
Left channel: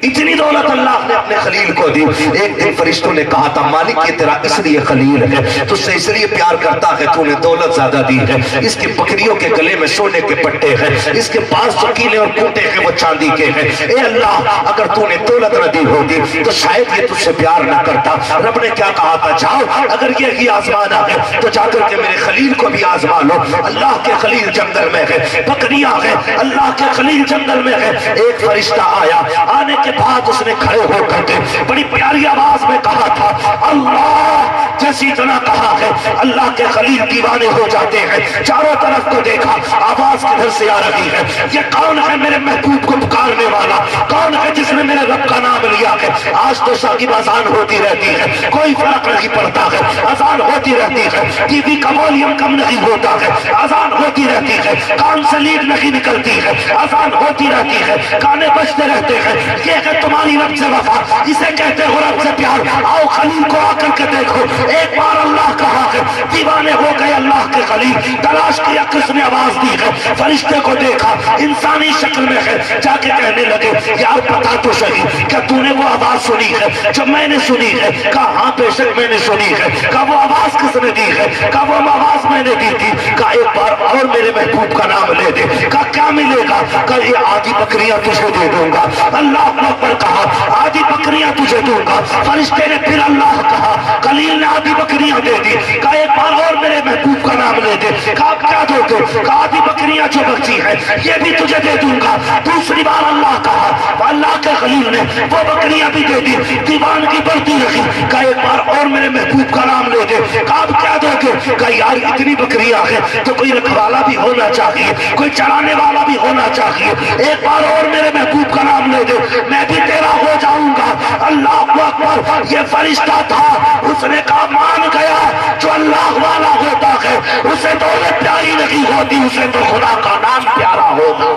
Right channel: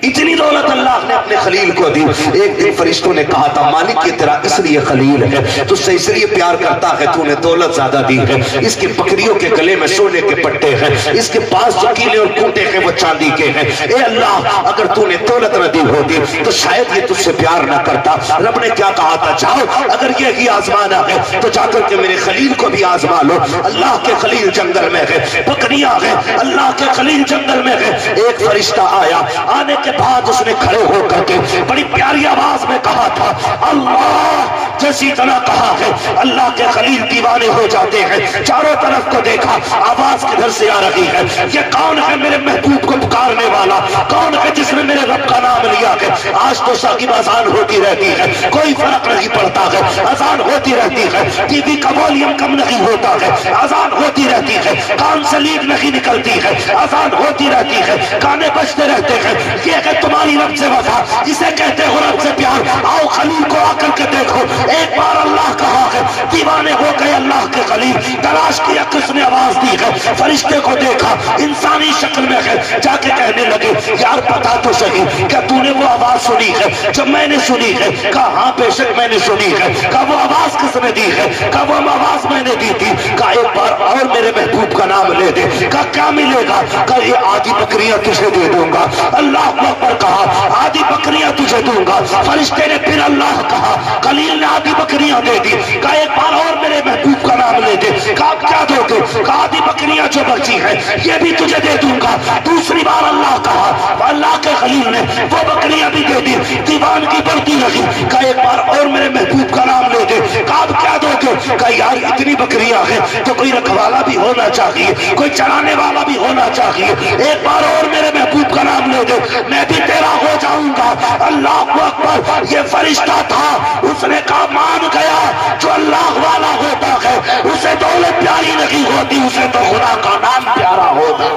اتنی دولت اللہ نے اپنے خلیل کو دی۔ ایک دن فرشتوں نے کہا تھا مالک یہ تیرا اس لیے خلیل ہے، تجھ سے اس لیے پیار کرتا ہے، تو نے دولت زیادہ دی ہے، اس کے بکریوں کے گلے میں سونے کے پٹے ہیں، اس کے پاس جو کیلے اور کونٹے ہیں وہ چاندی کے ہیں۔ اے اللہ اگر تو نے دولت نہ دی ہوتی تو شاید یہ تجھ سے پیار نہ کرتا۔ رب نے کیا کہا تھا؟ جاؤ اگر یہی آزمانا ہے تو جا کر کے میرے خلیل کو بھی آزما لو۔ اللہ کے خلیل جنگل میں ہے، بکریاں ہیں، اللہ کے خلیل جنگل میں ہے۔ ایک فرشتہ آیا، آنے کے بعد اس نے کھڑے ہو کر کے بڑی پیاری آواز میں کہا تھا اللہ، جیسی طرح کہا ہے اللہ کے خلیل دیوانے ہو جاتے ہیں۔ چاروں طرف کو دیکھا، آواز کدھر سے آ رہی ہے؟ یہ کون ہے میرے محبوب کو پکارنے والا؟ کون ہے جس نے میرے رب کا نام لیا ہے؟ آج تو ثاقب اذان ہوتی رہتی ہے، کوئی فرق نہیں پڑتا ہے، اذان ہوتی رہتی ہے، ٹی وی کا والیوم کم نہیں ہوتا ہے، اذان ہوتی رہتی ہے، کان سے لیڈ نہیں نکلتی ہے، اذان ہوتی رہتی ہے، گانے بجتے رہتے ہیں۔ یہ ہے تمہاری رب سے وفا، اسے کہتے ہو رب سے پیار۔ آؤ خلیل کو آ کر کے دیکھو، ایک بار اللہ کہا ہے دیوانے ہو گئے اللہ کے خلیل. تلاش کیا کس نے آواز دی ہے, فرشتے کو دیکھا انسانی شکل میں ہے, جا کے کہنے لگے یار پتا تو صحیح کیا تو نے وہ آواز سنی ہے جب میں نے سنی ہے؟ کہا ہاں بے شک میں نے سنی ہے. کہا وہ آواز کس نے دی ہے؟ کہا وہ آواز میں نے دی تھی. کہا ایک بار اور میرے محبوب کا نام لے دے. کہا کیا ملے گا؟ کہا یہ آدھی بکریاں تجھے دے دوں گا. اللہ اکبر کہا, آدھی بکریاں تجھے دوں گا. فرشتے نے پھر اللہ کہا, خلیل نے آدھی بکریاں دے دی. کہا ایک بار اور میرے محبوب کا نام لے دے. کہا کیا دو گے؟ کہا آدھی بکریاں جو بچی ہیں یہ بھی تجھے دے دوں گا. دوسری بار اللہ کہا, اللہ کے خلیل نے وہ بکریاں بھی دے دی. دیوان کی بڑھتی رہی. کہا ایک بار اور میرے محبوب کا نام لے دے. کہا اب کیا دو گے؟ کہا یار اتنی بکریاں ہیں تو کوئی رکھوالا بھی ہونا چاہیے, کوئی چرانے والا بھی ہونا چاہیے. ایک بار اور میرے محبوب کا نام لے دے, میں بھی تیرا ہو جاؤں گا. اللہ اکبر, یہ فرشتہ تھا, اس نے کہا مان گیا جو اللہ والا ہوتا ہے اسے دولت پیاری نہیں ہوتی, اسے تو خدا کا نام پیارا ہوگا.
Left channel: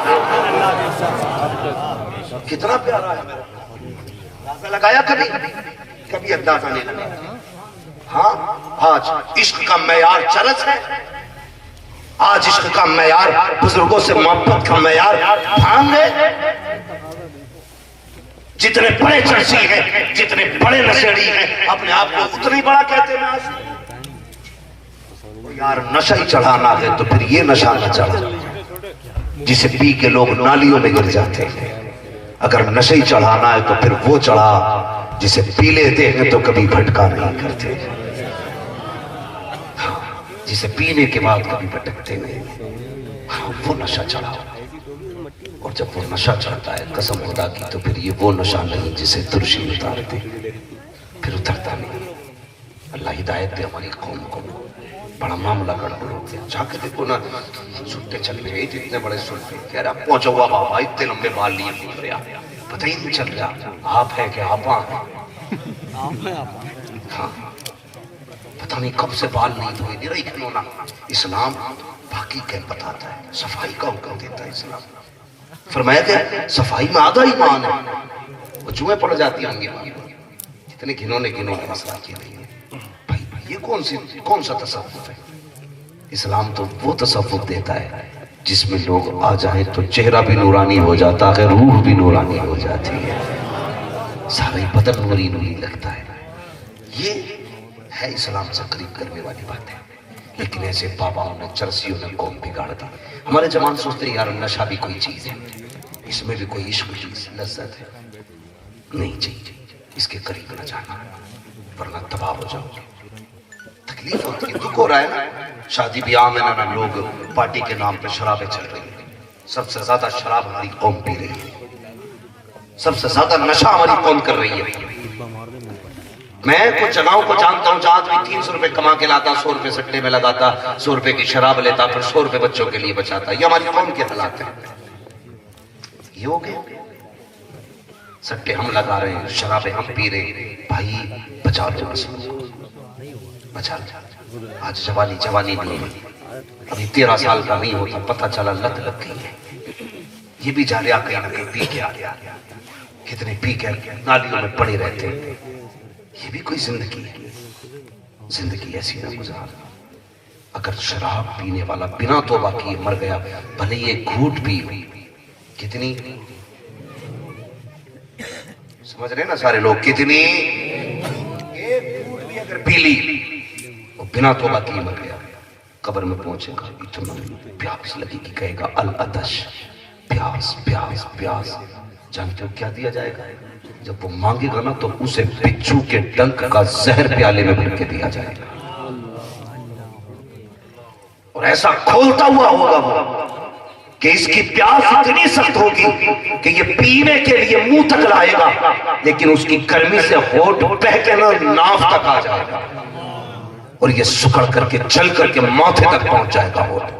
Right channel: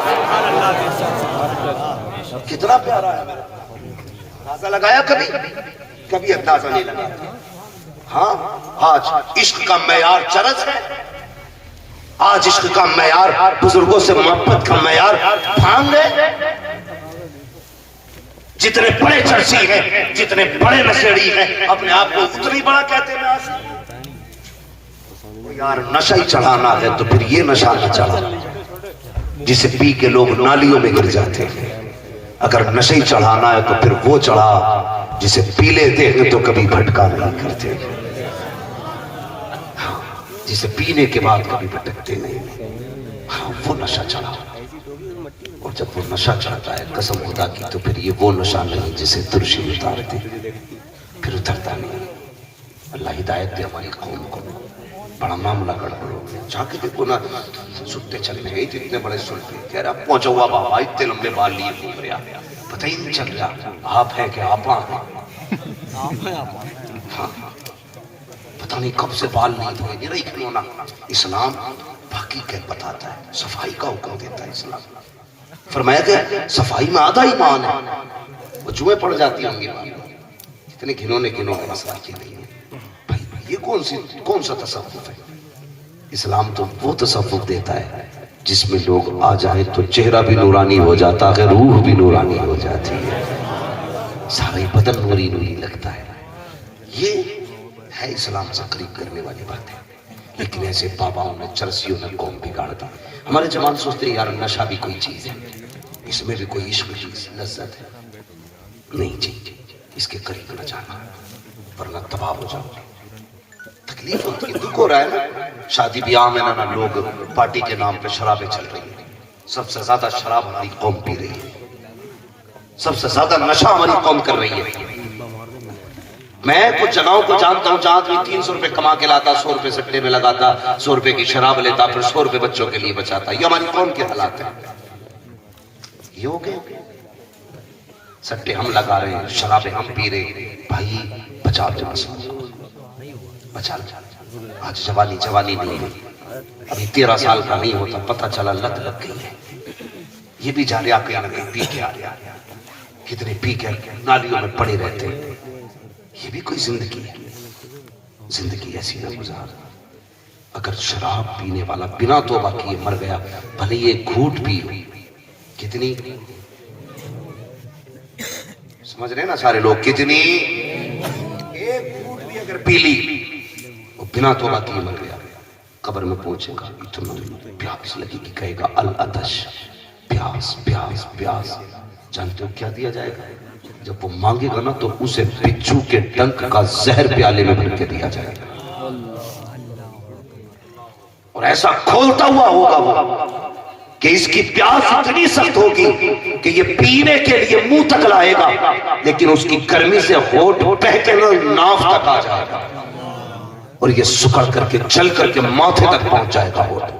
کتنا پیارا ہے میرا, اندازہ لگایا کبھی؟ کبھی اندازہ نہیں لگایا. ہاں آج عشق کا معیار چرس ہے, آج عشق کا معیار بزرگوں سے محبت کا معیار بھانگ ہے. جتنے بڑے چرسی ہیں, جتنے بڑے نشیڑی ہیں, اپنے آپ کو اتنی بڑا کہتے ہیں. یار نشہ ہی چڑھانا ہے تو پھر یہ نشہ نہ چڑھا جسے پی کے لوگ نالیوں میں گر جاتے ہیں. اگر نشہ ہی چڑھانا ہے تو پھر وہ چڑھا جسے پی لیتے ہیں تو کبھی بھٹکا نہیں کرتے, جسے پینے کے بعد کبھی بھٹکتے نہیں. وہ نشہ چڑھا, اور جب وہ نشہ چڑھتا ہے قسم خدا کی تو پھر یہ وہ نشہ نہیں جسے ترشی اتارتے, پھر اترتا نہیں. اللہ ہدایت دے ہماری قوم کو. بڑا معاملہ گڑبڑ ہو گیا. جا کے دیکھو نا, سنتے چل رہے اتنے بڑے سنتے, کہہ رہا پہنچا ہوا بابا اتنے لمبے بال لیے گھوم رہا, پتہ ہی نہیں چل رہا آپ ہے کہ آپ ہیں. ہاں پتہ نہیں کب سے بال نہیں دھوئے نہیں رہی کھلونا. اسلام باقی کیا بتاتا ہے, صفائی کا حکم دیتا ہے اسلام. فرمایا کہ صفائی میں آدھا ایمان ہے, وہ جوئیں پڑ جاتی ہوں گی. کتنے گھنونے مسئلہ کیا نہیں ہے بھائی. یہ کون سا تصوف ہے؟ اسلام تو وہ تصوف دیتا ہے جس میں لوگ آ جائیں تو چہرہ بھی نورانی ہو جاتا ہے, روح بھی نورانی ہو جاتی ہے, سارا بدن نوری لگتا ہے. یہ ہے اسلام سے قریب کرنے والی بات ہے. لیکن ایسے باباؤں نے چرسیوں نے قوم بگاڑ دی. ہمارے جوان سوچتے ہیں یار نشہ بھی کوئی چیز ہے, اس میں بھی کوئی عشق کی لذت ہے. نہیں جی, اس کے قریب نہ جانا ورنہ تباہ ہو جاؤ گے. تکلیف ہوتی ہے, دکھ ہو رہا ہے نا. شادی بیاہ میں نا لوگ پارٹی کے نام پہ شرابیں چل رہی ہیں. سب سے زیادہ شراب ہماری قوم پی رہی ہے, سب سے زیادہ نشہ ہماری قوم کر رہی ہے. میں کچھ جگہوں کو جانتا ہوں جہاں بھی 300 روپے کما کے لاتا, 100 روپے سٹے میں لگاتا, 100 روپے کی شراب لیتا, پھر 100 روپے بچوں کے لیے بچاتا. یہ ہماری قوم کے حالات ہیں. یہ ہو گئے, سٹے ہم لگا رہے ہیں, شرابیں ہم پی رہے ہیں. بھائی بچا لو, بچا لو. آج جوانی نہیں ہے, ابھی 13 سال کا نہیں ہوتا پتہ چلا لت لگ گئی ہے. یہ بھی جا رہا کہ پی کے آ رہا, کتنے پی کے نالیوں میں پڑے رہتے ہیں. یہ بھی کوئی زندگی ہے؟ زندگی ایسی نہ گزار. اگر شراب پینے والا بنا توبہ کیے مر گیا, بھلے یہ گھوٹ پی, کتنی سمجھ رہے نا سارے لوگ, کتنی ایک گھوٹ بھی اگر پی لی اور بنا توبہ کیے مر گیا, قبر میں پہنچے گا اتنا پیاس لگی کہ کہے گا العطش, پیاس پیاس پیاس. جانتے ہو کیا دیا جائے گا؟ جب وہ مانگے گا نا تو اسے بچھو کے ڈنک کا زہر پیالے میں بھر کے دیا جائے گا, اور ایسا کھولتا ہوا ہوگا وہ کہ اس کی پیاس اتنی سخت ہوگی کہ یہ پینے کے لیے منہ تک لائے گا, لیکن اس کی گرمی سے ہونٹ بہہ کے ناف تک آ جائے گا, اور یہ سکڑ کر کے جل کر کے ماتھے تک پہنچ جائے گا ہونٹ.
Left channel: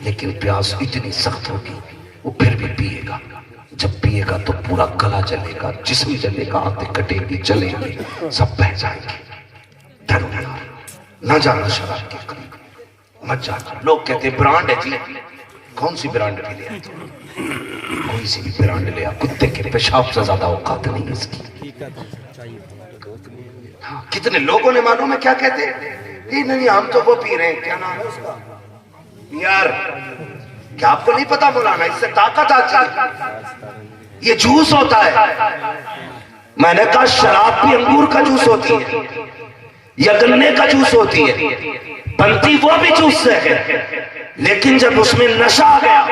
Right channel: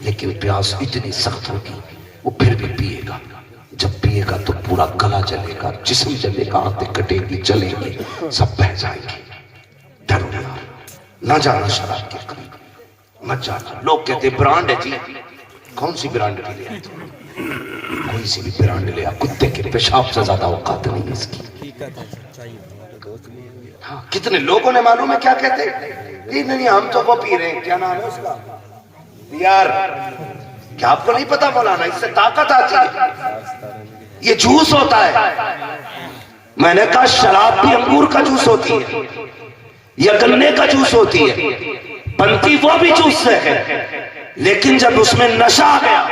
لیکن پیاس اتنی سخت ہوگی وہ پھر بھی پیے گا. جب پیے گا تو پورا گلا جلے گا, جسم جلے گا, آنتیں کٹے گی, جلیں گی, سب بہ جائیں گے. ڈرو یار, نہ جانا شراب کے قریب, مت جانا. لوگ کہتے ہیں برانڈ ہے جی, کون سی برانڈ بھی لے آتے؟ کوئی سی بھی برانڈ لے آ, کتے کے پیشاب سے زیادہ اوقات نہیں اس کی. ہاں، کتنے لوگوں نے معلوم ہے کیا کہتے نہیں نہیں ہم تو وہ پی رہے ہیں، کیا نام ہے اس کا، یار کیا آپ کو نہیں پتا مولانا اس سے طاقت آتی ہے، یہ جوس ہوتا ہے۔ میں نے کہا شراب بھی انگور کا جوس ہوتی ہے یا گنے کا جوس ہوتی ہے، بنتی وہ بھی جوس سے ہے، لیکن جب اس میں نشہ آ گیا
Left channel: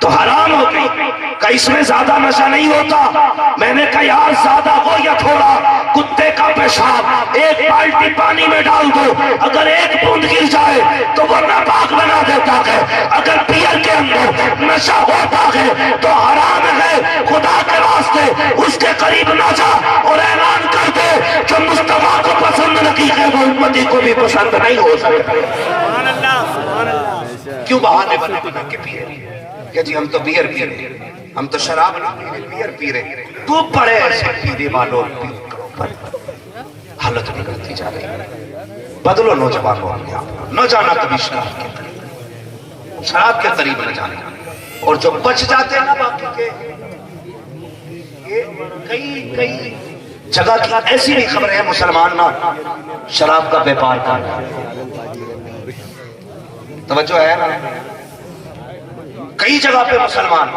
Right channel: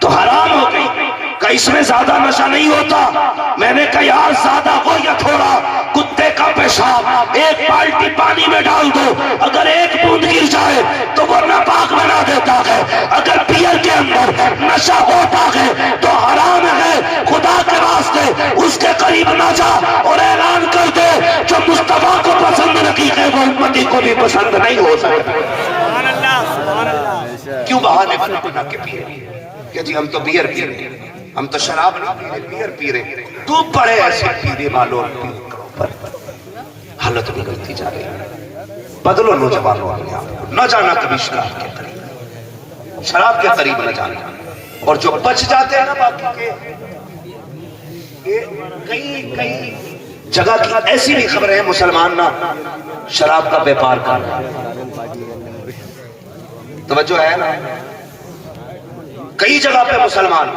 تو حرام ہو گئی۔ کہ اس میں زیادہ نشہ نہیں ہوتا، میں نے کہا یار زیادہ ہو یا تھوڑا، کتے کا پیشاب ایک بالٹی پانی میں ڈال دو، اگر ایک بوند گر جائے تو وہ ناپاک بنا دیتا ہے، اگر بیئر کے اندر نشہ ہوتا ہے تو حرام ہے، خدا کے راستے اس کے قریب نہ جا، اور اعلان کر دے جو مصطفیٰ کو پسند نہیں ہے وہ امتی کو بھی پسند نہیں ہو سکتا۔ سبحان اللہ سبحان اللہ۔ کیوں بہانے بنا بنا کے پی رہے کہ جی ہم تو بیئر پی رہے ہیں، ہم تو شراب نہیں پی رہے، بیئر پی رہے ہیں، تو بڑے ایسے پینے والوں حالت بگڑتی جا رہی ہے۔ بدلو نوجوانوں اپنے آپ کو، نہ جانا کبھی شراب کے قریب، شراب کے قریب نہ جانا، اور جو بچ جاتے ہیں نا باقی کے، یہ کئی جگہ کی ایسی بھی خبریں ہیں مسلمان نہ شراب کا بیپار کر رہا ہے، توجہ ہے نا، کئی جگہ پہ مسلمان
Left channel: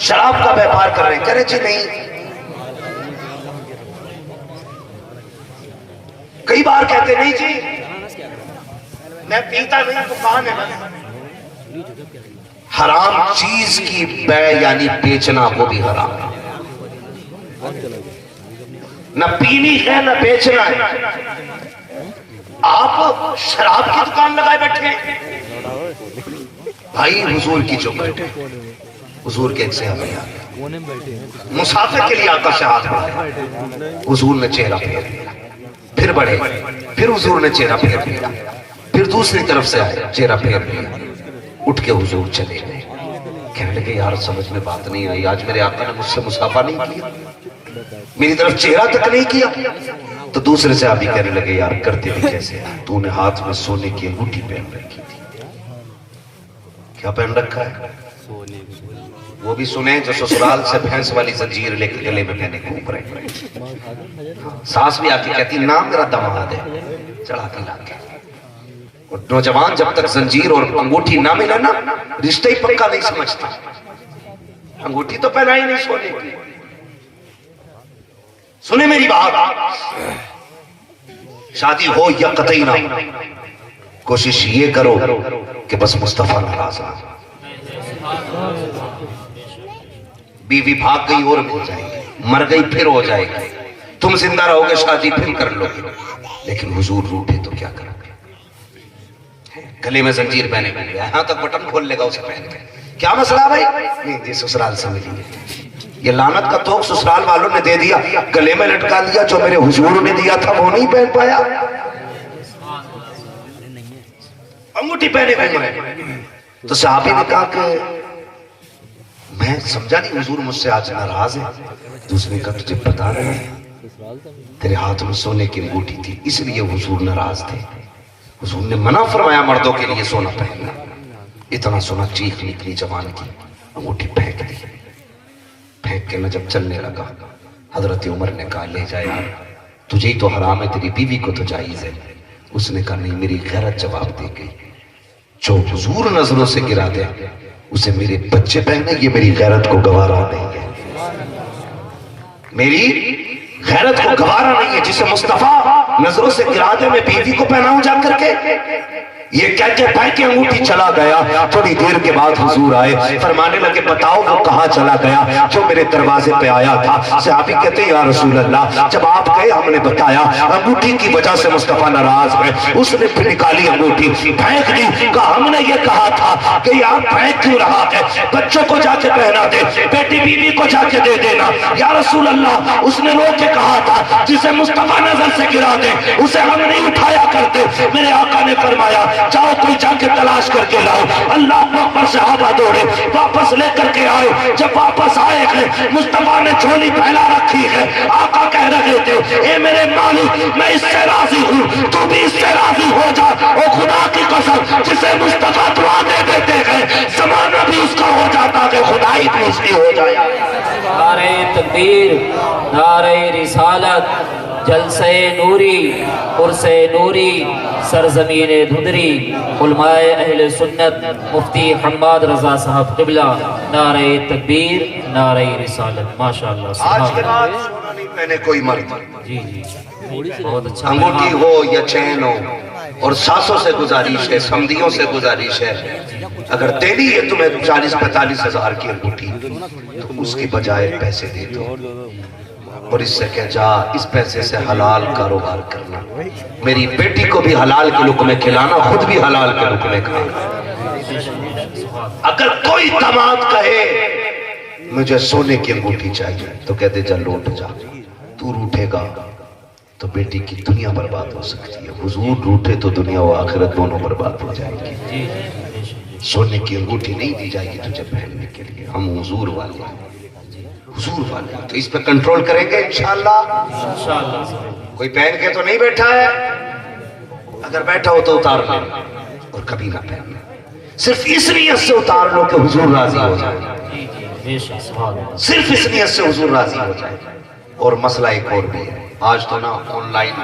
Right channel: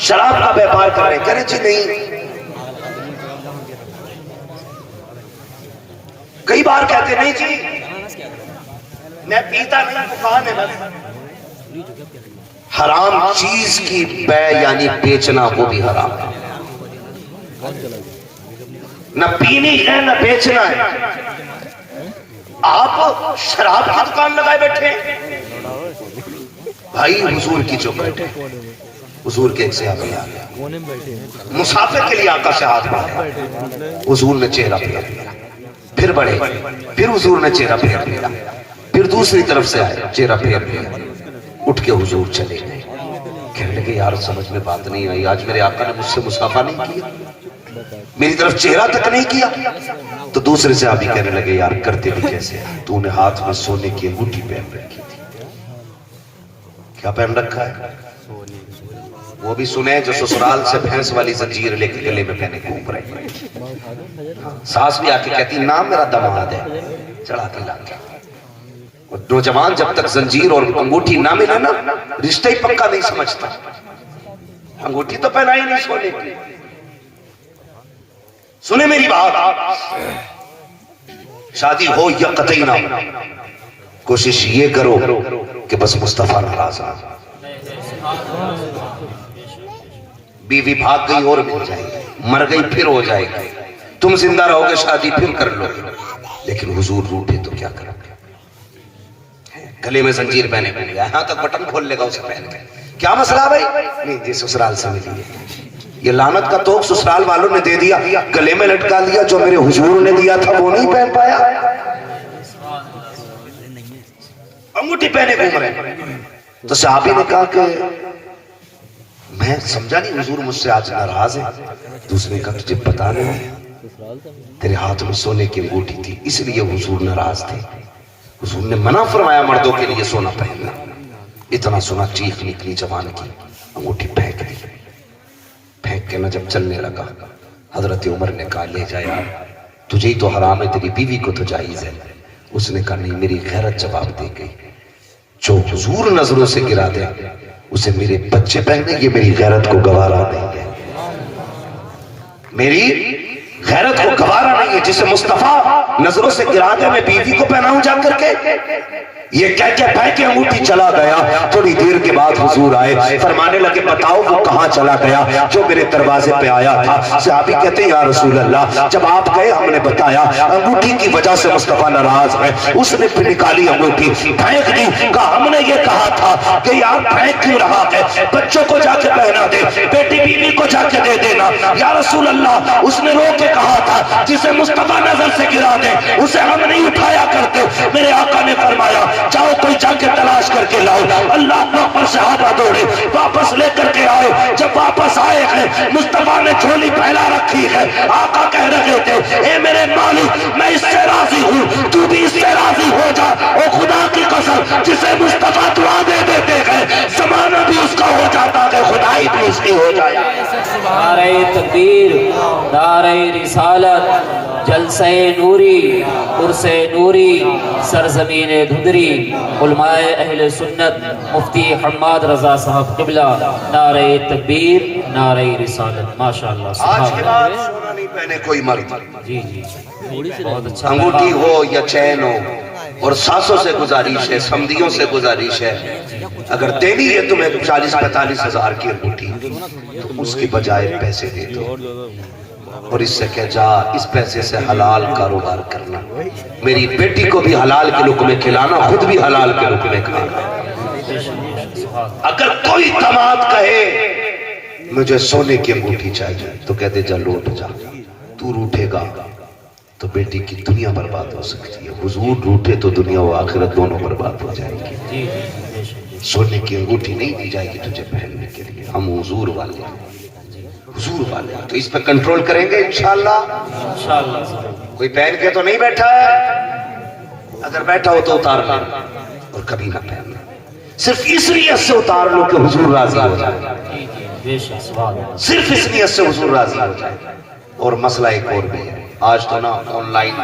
شراب کا بیپار کر رہے ہیں، کہہ رہے جی نہیں، کئی بار کہتے نہیں جی میں پیتا نہیں تو کہاں ہے، حرام چیز کی بے یعنی بیچنا وہ بھی حرام ہے، نہ پینی ہے نہ بیچنا ہے۔ آپ شراب کی دکان لگائے بیٹھے ہیں، بھائی حضور کی جو بیٹھے حضور کے ایک صحابی آگے مسافر کے لیے آقا سے ہاتھ بڑھائے، حضور نے چہرہ پھیر لیا، پھر بڑھے، پھر حضور نے چہرہ پھیر لیا، پھر دوسری طرف سے آئے چہرہ پھیر لیا، اٹھ کے حضور چلے گئے، کہنے لگے یار سمجھ میں بات نہیں آئی، آج میرے آقا نے مجھ سے مصافحہ نہیں کیا، میری طرف چہرہ تک نہیں کیا۔ تو دوسرے صحابی کہنے لگے یار کرتے بھی کیسے، تو نے ہاتھ میں سونے کی انگوٹھی پہن رکھی تھی، کیا پہن رکھا ہے؟ وہ بھی سنیں جو سسرال سے بھینس والی زنجیر لے کے گلے میں پہنے گھوم رہے، ساس بھی آ کے کہتی نام میرا داماد ہے، چڑھا کے لا کے، اور نوجوان جب تک زنجیر اور انگوٹھی نہ ملا نا رشتہ ہی پکا نہیں سمجھتا، انگوٹھی تو پہنا ہی نہیں سونے کی۔ سنیں میری بات، شادی ہو یا قطعی نہ، کوشش یہ کرو کہ بس مصطفیٰ ناراض نہ، بیوی بھاگ گئی اور مل جائے گی، مر گئی پھر ہو جائے گی، تم زندہ رہو گے شادی پھر کر لو گے، لیکن حضور روٹے تو کیا کرو گے؟ گلے میں زنجیر پہنے کو گیا، یہاں تک بٹن کھول لے گا اسے پہن کے، کیا مسئلہ بھائی؟ نہیں جی سسرال سے ملی ہے، یہ لعنت کا توق سسرال والوں نے دے دیا، گلے میں لٹکا لیا، جو میرے حضور نے دیا تھا وہ نہیں پہن پایا، انگوٹھی پہنے گھوم رہے۔ تو صحابی نے کہا کہ میں سمجھا نہیں حضور مجھ سے آج ناراض ہے، دوسرے کا تجھے پتا نہیں تیرے ہاتھ میں سونے کی انگوٹھی تھی اس لیے حضور ناراض تھے، حضور نے منع فرمایا مردوں کے لیے سونا پہننا، اتنا سونا چیخ نکلی جوان کی، انگوٹھی پھینک دی، پھینک کے نہ جب چلنے لگا حضرت عمر نے کہا لے جا یار، تجھے ہی تو حرام ہے، تیری بیوی کو تو جائز ہے، اس نے کہا نہیں میری غیرت جواب دے گئی، جو حضور نظروں سے گرا دے اسے میرے بچے پہنے، یہ میری غیرت کو گوارا نہیں ہے، میری غیرت کو گوارا نہیں ہے، جسے مصطفیٰ نظروں سے گرا دے میں بیوی کو پہناؤں جا کر کے، یہ کہہ کے پھینک کے انگوٹھی چلا گیا۔ تھوڑی دیر کے بعد حضور آئے، فرمانے لگے بتاؤ وہ کہاں چلا گیا جو میرے دروازے پہ آیا تھا؟ صحابی کہتے ہیں یا رسول اللہ جب آپ گئے ہم نے بتایا انگوٹھی کی وجہ سے مصطفیٰ ناراض ہے، اس نے پھر نکالی انگوٹھی پھینک دی، کہا ہم نے یہ کہا تھا کہ یار پھینک کیوں رہا ہے، بچوں کو جا کے پہنا دے، بیٹی بیوی کو جا کے دے دینا۔ یا رسول اللہ اس نے رو کے کہا تھا جسے مصطفیٰ نظر سے گرا دے اسے ہم نہیں اٹھایا کرتے۔ میرے آقا نے فرمایا جاؤ کوئی جا کے تلاش کر کے لاؤ۔ اللہ اکبر پر صحابہ دوڑے واپس لے کر کے آئے، جب واپس آئے ہیں مصطفیٰ نے جھولی پھیلا رکھی ہے، آقا کہہ رہے تھے اے میرے مالک میں اس سے راضی ہوں تو بھی اس سے راضی ہو جا، او خدا کی قسم جسے مصطفیٰ دعا دے دیتے ہیں زمانہ بھی اس کا ہو جاتا کہ خدائی بھی اس کی ہو جائے۔ نعرہ تکبیر، نعرہ رسالت، جلسہ نوری عرس نوری سرزمین دھندری علماء اہل سنت مفتی حماد رضا صاحب قبلہ نعرہ تکبیر نعرہ رسالت ماشاءاللہ آج کے سبحان بعد سونا نہیں پہنے کوئی مرد، جی جی بہت اچھا انگوٹھی ہو یا چین ہو، اور ساسوں سے گزارش ہے، سمدیوں سے گزارش ہے، اگر دینی ہے تمہیں 40-45 ہزار کی انگوٹھی تو اس کی بجائے پیسے دے دو اور اس سے کہہ جا اس پیسے سے حلال کاروبار کرنا، میری بیٹی کو بھی حلال کے لقمے کھلانا، خود بھی حلال کے لقمے کھانا۔ اگر کوئی داماد کہے مجھے سونے کی انگوٹھی چاہیے تو کہتے جا لوٹ جا، تو روٹھے گا تو بیٹی کی دنیا برباد ہو سکتی ہے، حضور روٹے تو دنیا و آخرت دونوں برباد ہو جائے گی۔ سونے کی انگوٹھی نہیں دی جائے گی تجھے پہننے کے لیے، ہم حضور والے ہیں، حضور والے ہیں، تو اس پہ کنٹرول کریں گے انشاءاللہ۔ کوئی پہن کے تو نہیں بیٹھا ہے، اگر بیٹھا ہو تو اتار لیں اور کبھی نہ پہننا، صرف اس نیت سے اتار لو کہ حضور راضی ہو جائے، صرف اس نیت سے حضور راضی ہو جائے۔ اور مسئلہ ایک اور بھی ہے، آج تو نا آن لائن